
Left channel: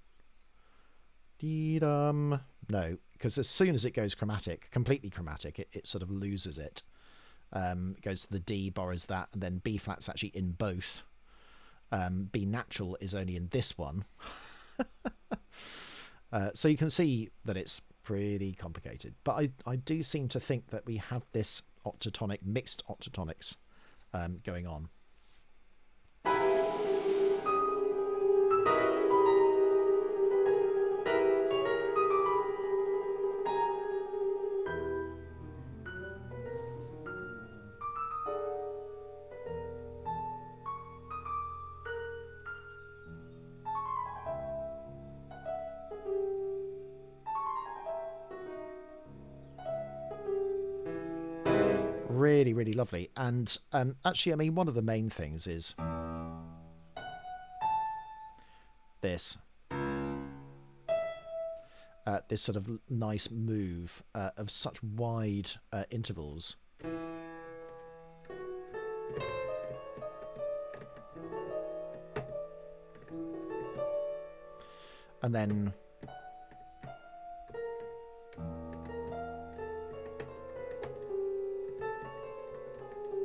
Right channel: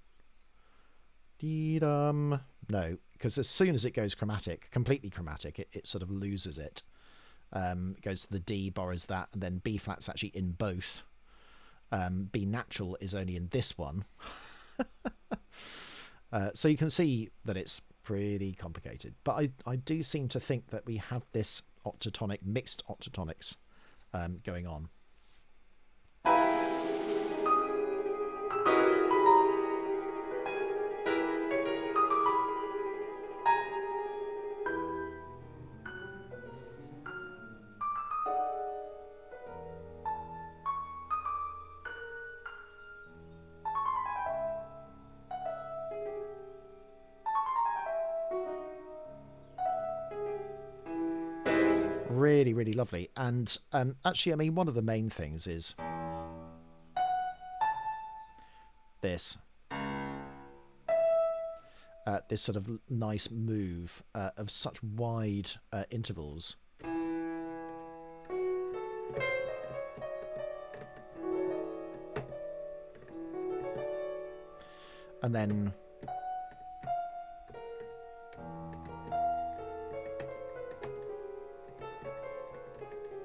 dee-dum. No, because as soon as it goes chromatic, completely chromatic, it sort of loses it. It goes to the D, borrows that, and then B flat's actually in both. B natural is only in this one. So you can see that it's pretty complicated. But I do seem to think that we have this octatonic, mixed octatonics going on. Really, really lovely. And actually, I mean, one of the main things is this. This sort of nice move of such wide intervals. And then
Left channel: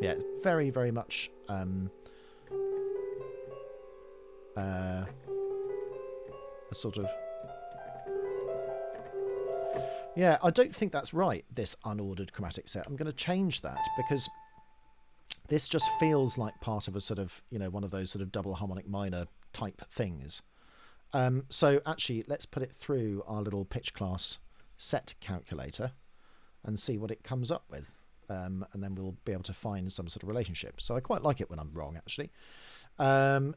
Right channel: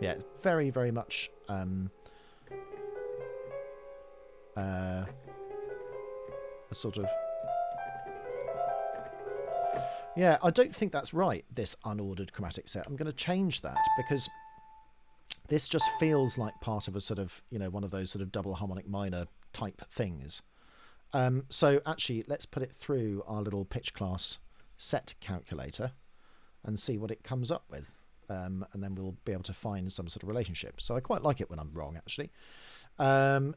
yeah, very, very much a sort of Yeah, I don't think that's right, this unordered chromatic set. I'm going to change that because this just feels like part of a sort of, you know, one of those sort of double harmonic minor type things. So actually, let's put it through our little pitch class set calculator and see what it comes up with. And then we'll be able to find some sort of relationship. So I quite like it when I'm wrong, actually. I'll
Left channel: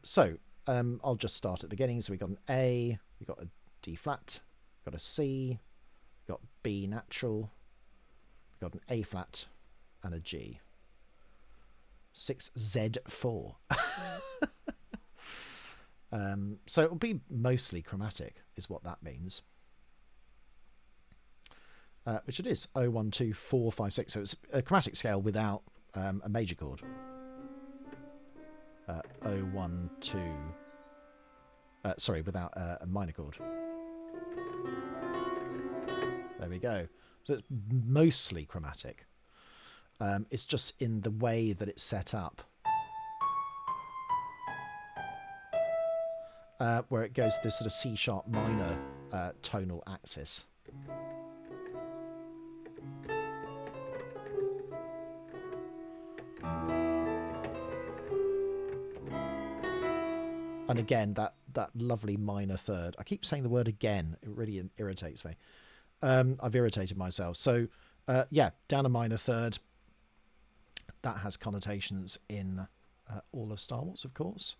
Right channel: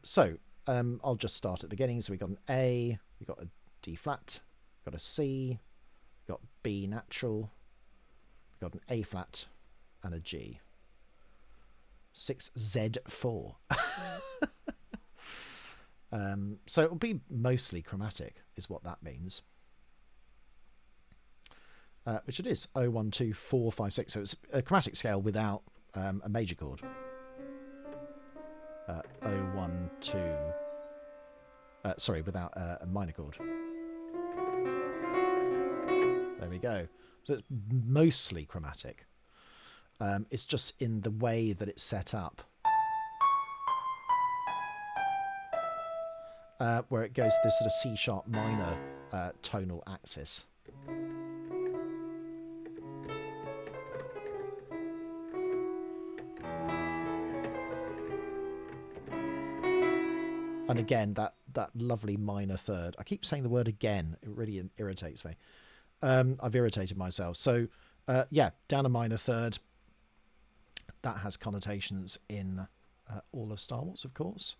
just start at the beginning. So we've got an A, we've got a D flat, we've got a C, we've got B natural, we've got an A flat and a G. 6Z4. So it'll be mostly chromatic, is what that means. Which it is. 0, 1, 2, 4, 5, 6. So it's a chromatic scale without a major chord. 0, 1, 2. Sorry, without a minor chord. There we go. So it's mostly chromatic. It's just in the way that it's set up. Where it goes to this sort of C sharp minor tonal axis. And again, that lovely minor third. I keep saying the word again. It really irritates me. I've irritated myself. So, yeah, down a minor third. That has connotations in all of Star Wars, of course.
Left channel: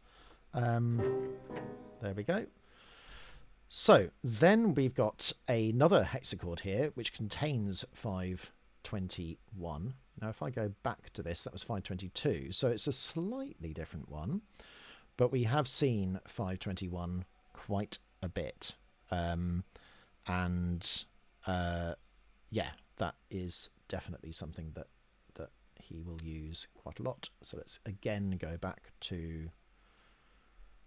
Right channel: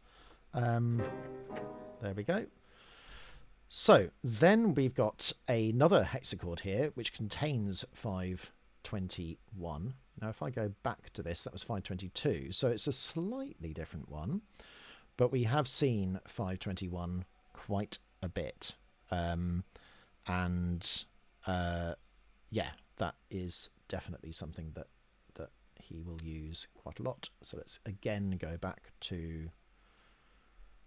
There we go. So then we've got another hexachord here, which contains 521. Now, if I go back to this, that was 522. So it's a slightly different one, but we have seen 521 quite a bit. Yeah, that is definitely something that he will use quite a lot. So let's again go back to...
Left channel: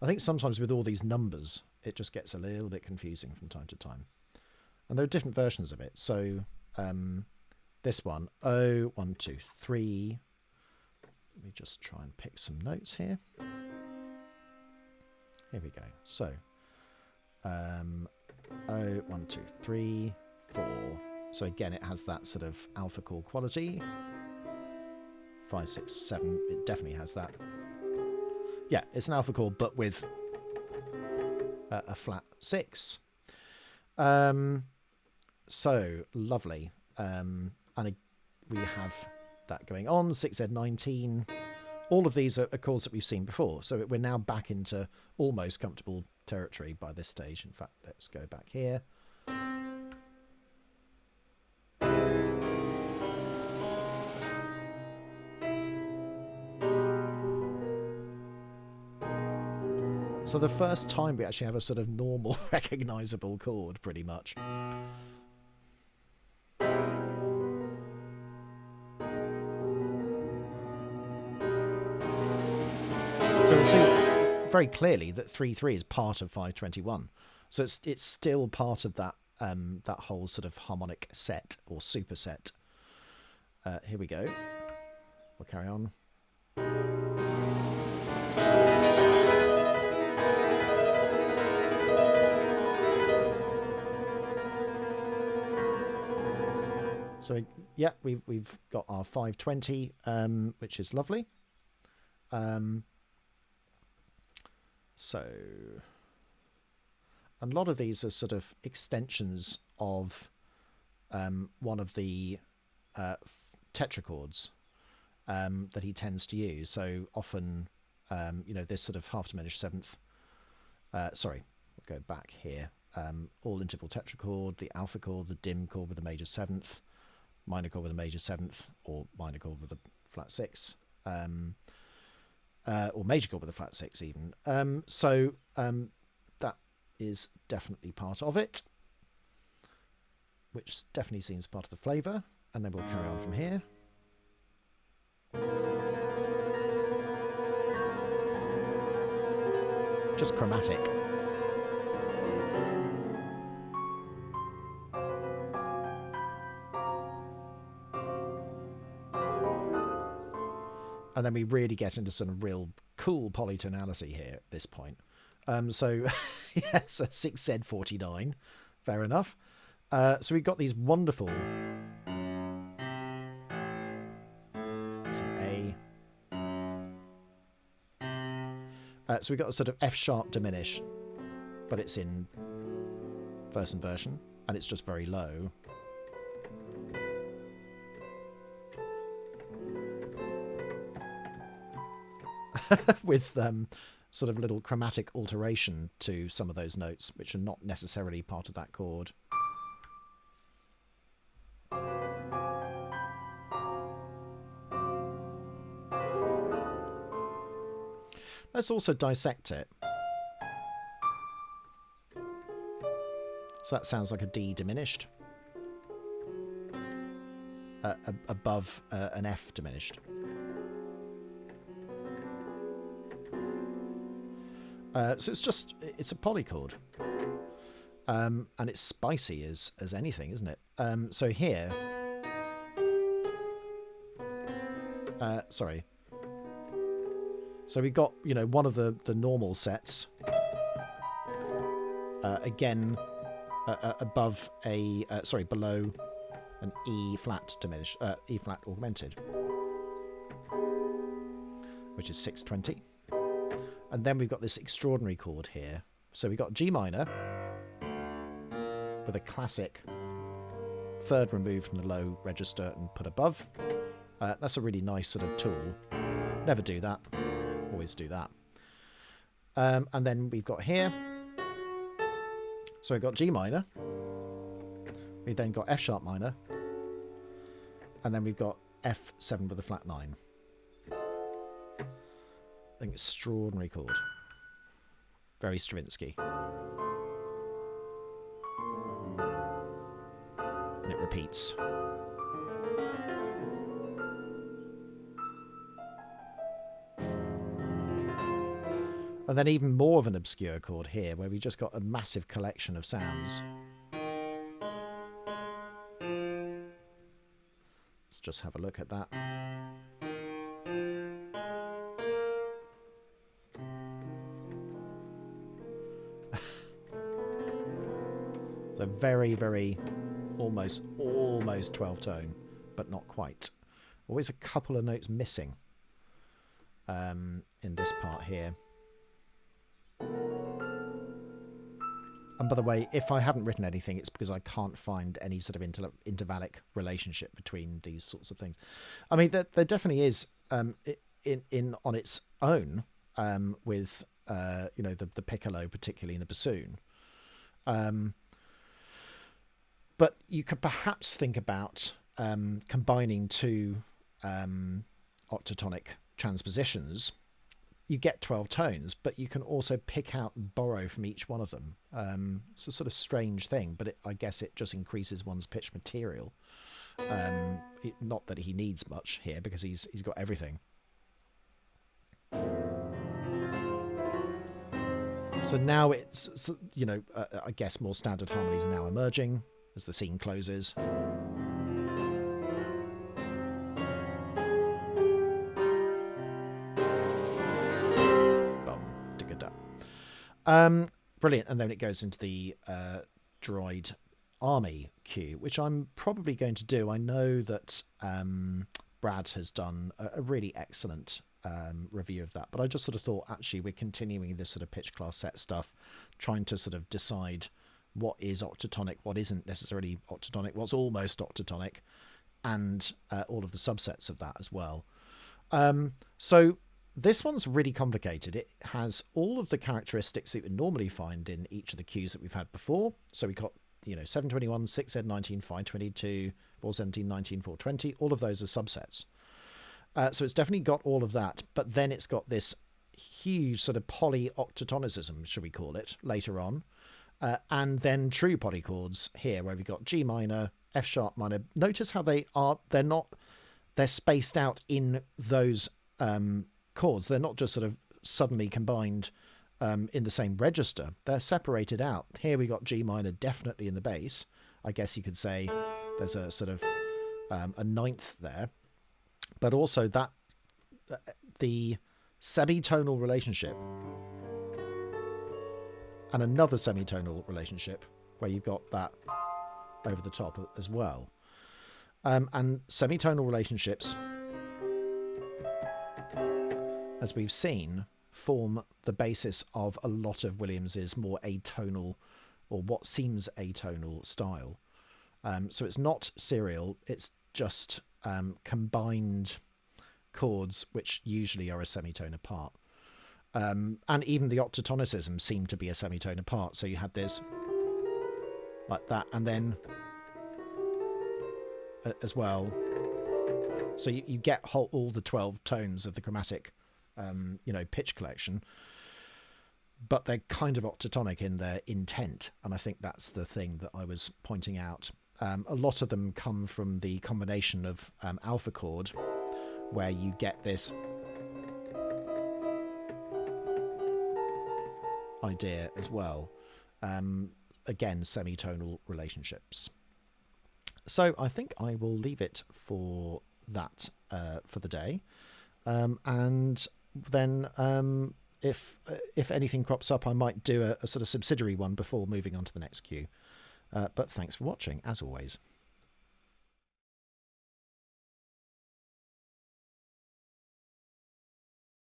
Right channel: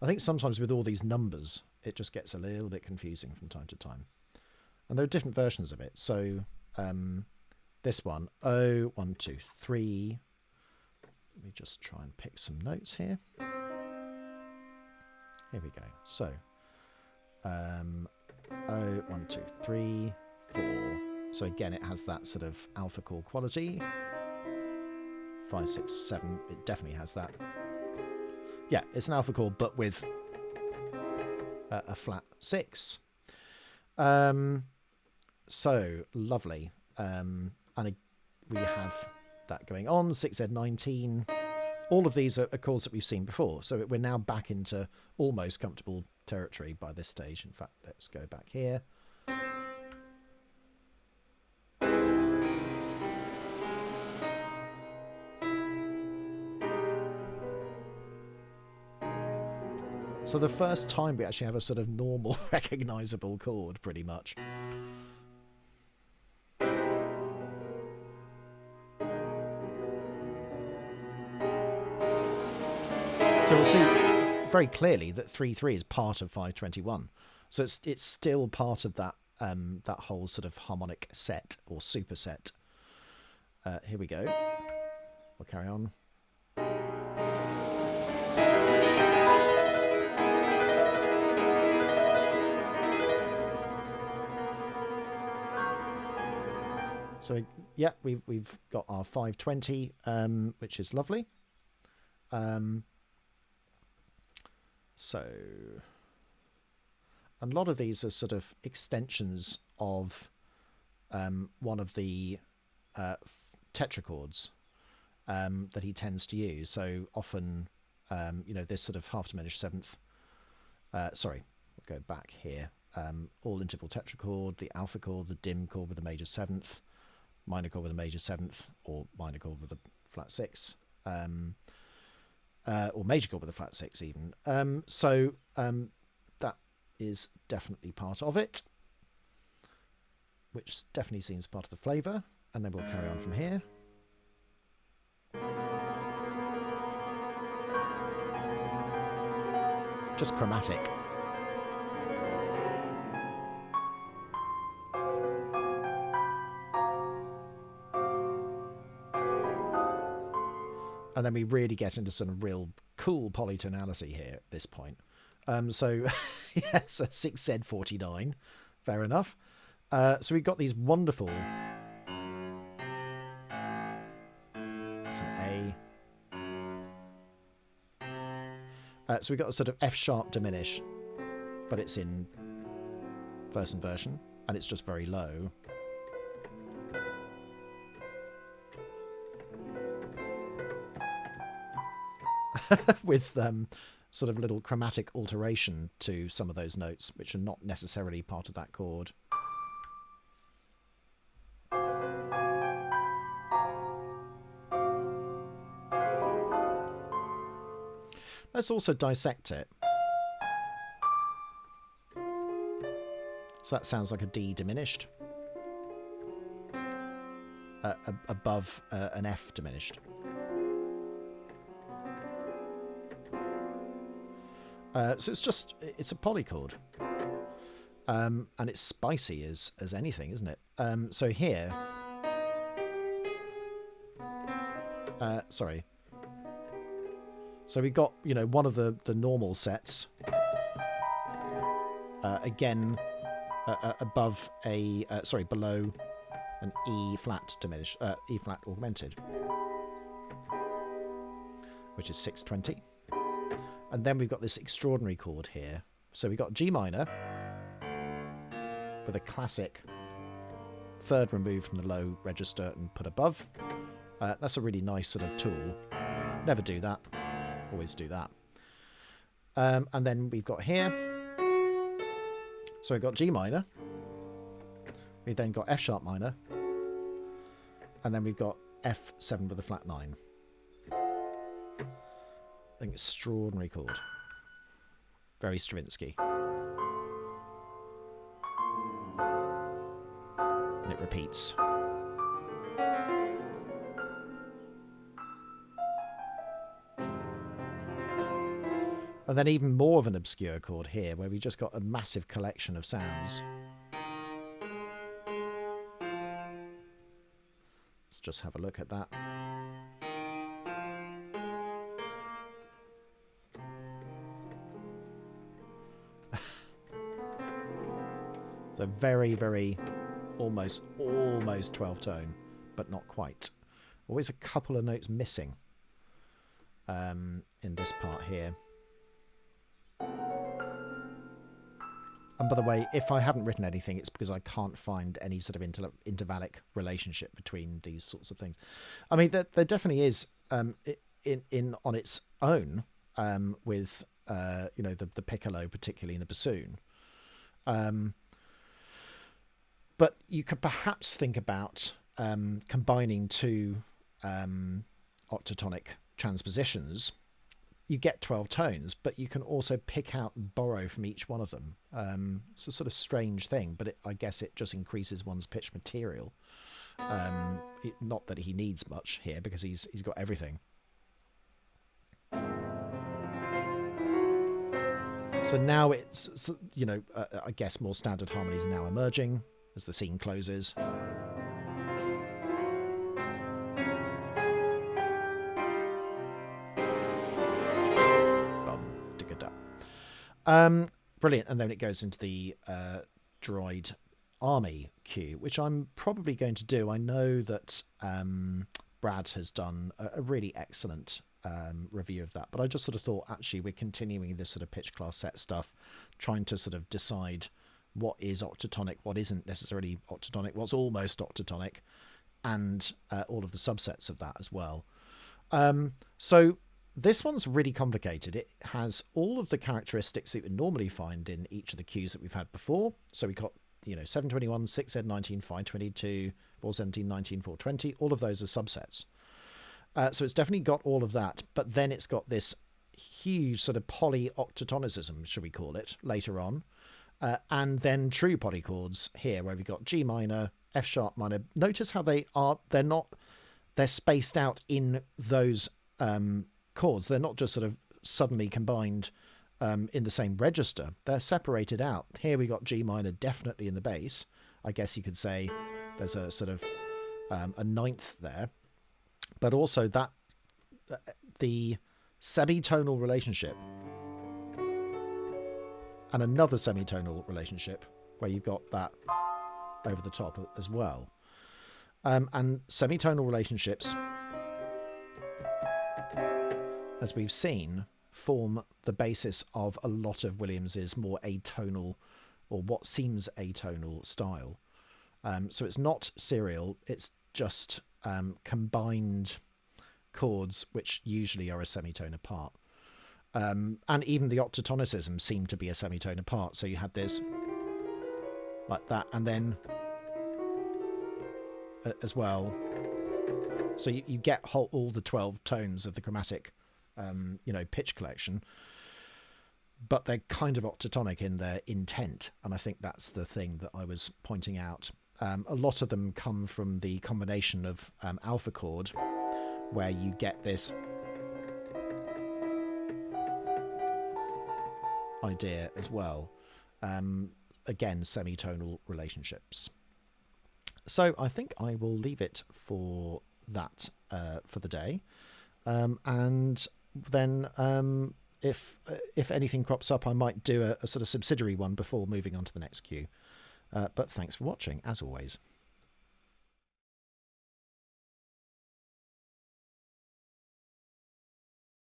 I think sometimes with all these numbers, it just gets a little bit confusing from time to time. And there are different versions of it. So this one, 0, 1, 2, 3. Let me just try and pick some notes here. Here we go. So 0, 1, 2, 3, 4. So again, it has that sort of alpha chord quality. 5, 6, 7. It definitely has that. Yeah, it's an alpha chord, but with a flat 6. So lovely. And we have that going on. 6Z19. All of these are chords that we've seen before. So we're now back into almost comfortable territory by this stage. In fact, let's go back here. So the first time we actually have a sort of normal, recognisable chord, pretty much. So we'll see very clearly that 3/3 is part of 521. So it's still part of that that whole sort of harmonic set or superset. Here we go. We'll carry on. So yeah, we've got our 520, which is lovely. So a lot of these are sort of extensions of one of the tetrachords that he tends to use. So often, you know, this sort of half diminished seventh. Sorry, we'll go back here. All interval tetrachord, the alpha chord, the dim chord with a major seventh, minor chord with a major seventh, or minor chord with a flat 6, or major chord with a flat 6 even. So that is definitely part of it, which definitely seems part of the flavour. And then we'll carry on from here. Just chromatic. And then we really get into some real cool polytonality here at this point. So, yeah, so 6Z49, fair enough. So we've got these wonderful... It's an A. So we've got a sort of F sharp diminished, but it's in first inversion, and it's just very low. With sort of little chromatic alteration to some of those notes, which are not necessarily part of that chord. Let's also dissect it. So that sounds like a D diminished above an F diminished. So it's a polychord, and it's spicy as anything, isn't it? So here, sorry. So we got, you know, one of the normal sets, again, above a, below an E flat diminished, E flat augmented, which is 620. And then we've got this extraordinary chord here. So we've got G minor with a classic third removed from the low register and put above. That's a really nice sort of tool. Never do that. Always do that. And then we've got here. So we've got G minor. We've then got F sharp minor. And then we've got F7 with a flat 9. I think extraordinary chord. Very Stravinsky. And it repeats. And then even more of an obscure chord here, where we just got a massive collection of sounds. Let's just have a look at that. So very, very, almost 12 tone, but not quite. Always a couple of notes missing in this part here. And by the way, if I haven't written anything, it's because I can't find any sort of intervallic relationship between these sorts of things. I mean, there definitely is in on its own with you know, the piccolo, particularly in the bassoon. But you could perhaps think about combining two octatonic transpositions. You get 12 tones, but you can also pick out and borrow from each one of them. It's a sort of strange thing, but I guess it just increases one's pitch material. Not that he needs much here, because he's got everything. So now it's, you know, I guess more standard harmonies are now emerging as the scene closes. Brilliant. And then it goes into the droid army cue, which I'm probably going to do. I know that Brad has done a really excellent review of that, but I just sort of thought, actually, we're continuing this sort of pitch class set stuff, trying to sort of decide what is octatonic, what isn't necessarily octatonic, what's almost octatonic, and all of the subsets of that as well. So this one's really complicated. It has all of the characteristics that you would normally find in each of the cues that we've had before. So we got, you know, 721, 6Z19, 522, 417, 19, 420. All of those are subsets. So it's definitely got all of that. But then it's got this huge sort of polyoctatonicism, should we call it, later on. And then true polychords here, where we've got G minor, F sharp minor. Notice how they're spaced out in those chords. They're not just sort of suddenly combined in the same register. They're separated out. Here we got G minor definitely in the bass. I guess you could say there's a sort of a ninth there, but also that the semitonal relationship and another semitonal relationship where you've got that over the top as well. And semitonal relationships, as we've seen, form the basis of a lot of Williams's more atonal, or what seems atonal, style. So it's not serial, it's just combined chords which usually are a semitone apart. And even the octatonicism seemed to be a semitone apart. So you had this like that, and then as well. So you get all the 12 tones of the chromatic, pitch collection, but they're kind of octatonic in their intent. And I think that's the thing that I was pointing out. A lot of them come from the combination of alpha chord, where you get this idea as well. Again, semitonal relationships. So I think I will leave it for that for the day. And then if anything crops up, I might do a sort of subsidiary one before moving on to the next cue. But thanks for watching, as always.